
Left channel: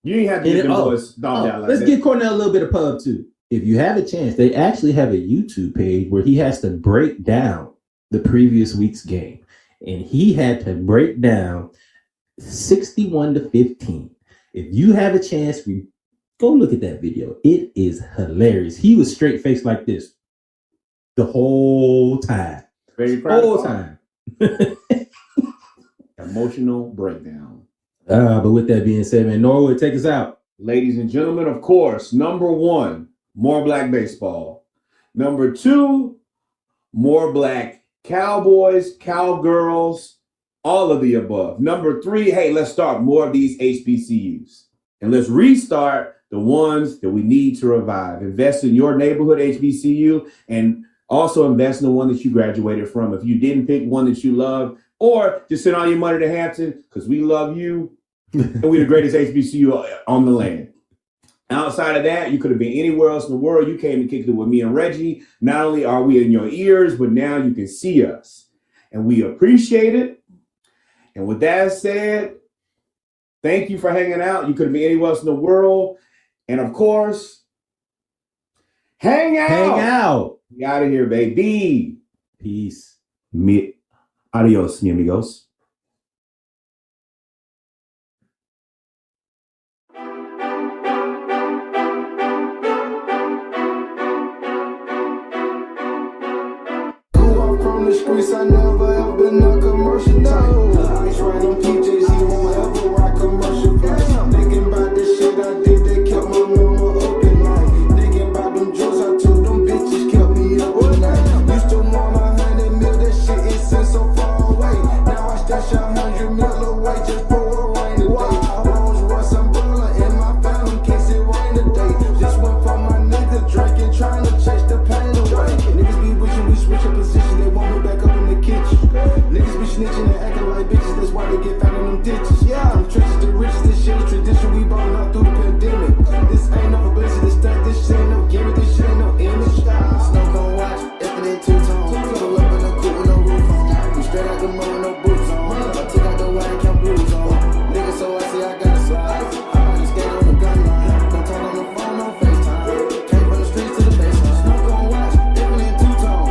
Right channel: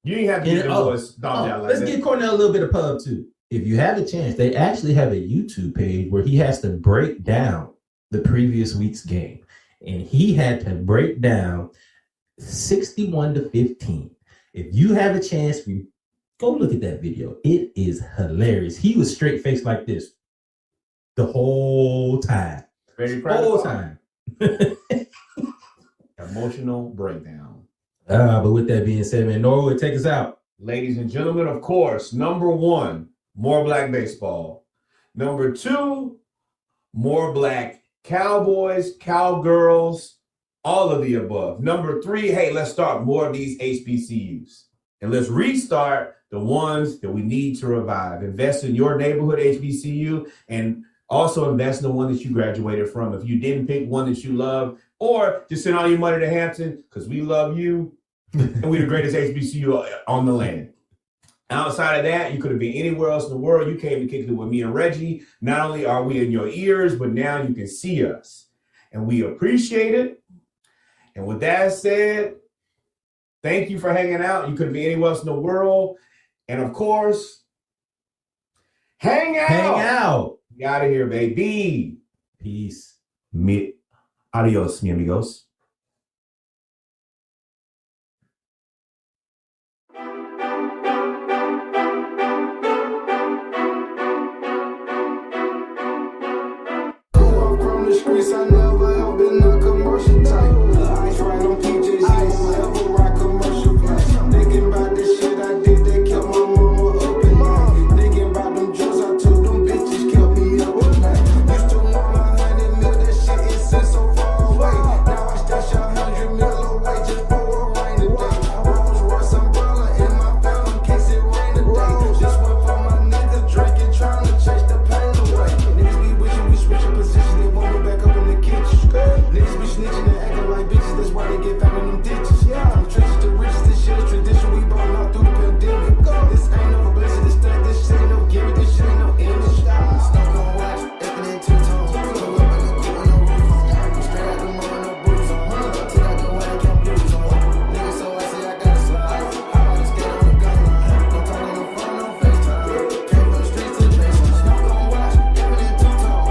you ain't have to get them boys stomped out like that. Let's give Cornell a little bit of pub too. If you have a chance, they actually have a YouTube page where he has to break down the previous week's game, and he had to break down 61-15. If you have a chance, go look at that video. It is hilarious. He was straight faced like this the whole time. Ready to cry the whole time. Emotional breakdown. But with that being said, man, Norwood, take us out. Ladies and gentlemen, of course, number 1, more Black baseball. Number 2, more Black Cowboys, Cowgirls, all of the above. Number 3, hey, let's start more of these HBCUs. And let's restart the ones that we need to revive. Invest in your neighborhood HBCU and also invest in the one that you graduated from. If you didn't pick one that you love, or just send all your money to Hampton because we love you and we're the greatest HBCU on the land. Outside of that, you could have been anywhere else in the world. You came and kicked it with me and Reggie. Not only are we in your ears, but now you can see us. And we appreciate it. And with that said, thank you for hanging out. You could have been anywhere else in the world. And of course, hang out. Hang out. We out of here, baby. Peace. Adios, mi amigos. From the streets, I never ever been a commercial type. Lil' Ice riding on PJs, he won't ever ride commercial flights. Thinking about the shit I did that kept my mama up at night. Thinking about them drugs I took, them bitches kept me up at night. Used to want 100 mil, that shit it seems so far away. Now I stash 100 mil away just for a rainy day. Rolls Royce umbrella in my Phantom case it rain today. Just went for my niggas drinking, trying to chase the pain away. Niggas be wishing we switch up position, they want me back up in the kitchen. Niggas be snitching and acting like bitches, that's why they get found in them ditches. From trenches to riches, this shit is tradition, we ballin' out through the pandemic. This ain't no publicity stunt, this shit ain't no gimmick, this shit ain't no image. Snow cone watch, effing in two-tone. Pull up in a coupe with no roof on. We straight out the mud with no boots on. I took out the white and count blues on. Niggas so I say I gotta slide. Hop out and skate on the gun line. Don't talk on the phone, no FaceTime. Came from the streets to the baseline. Snow cone watch, effing in two-tone.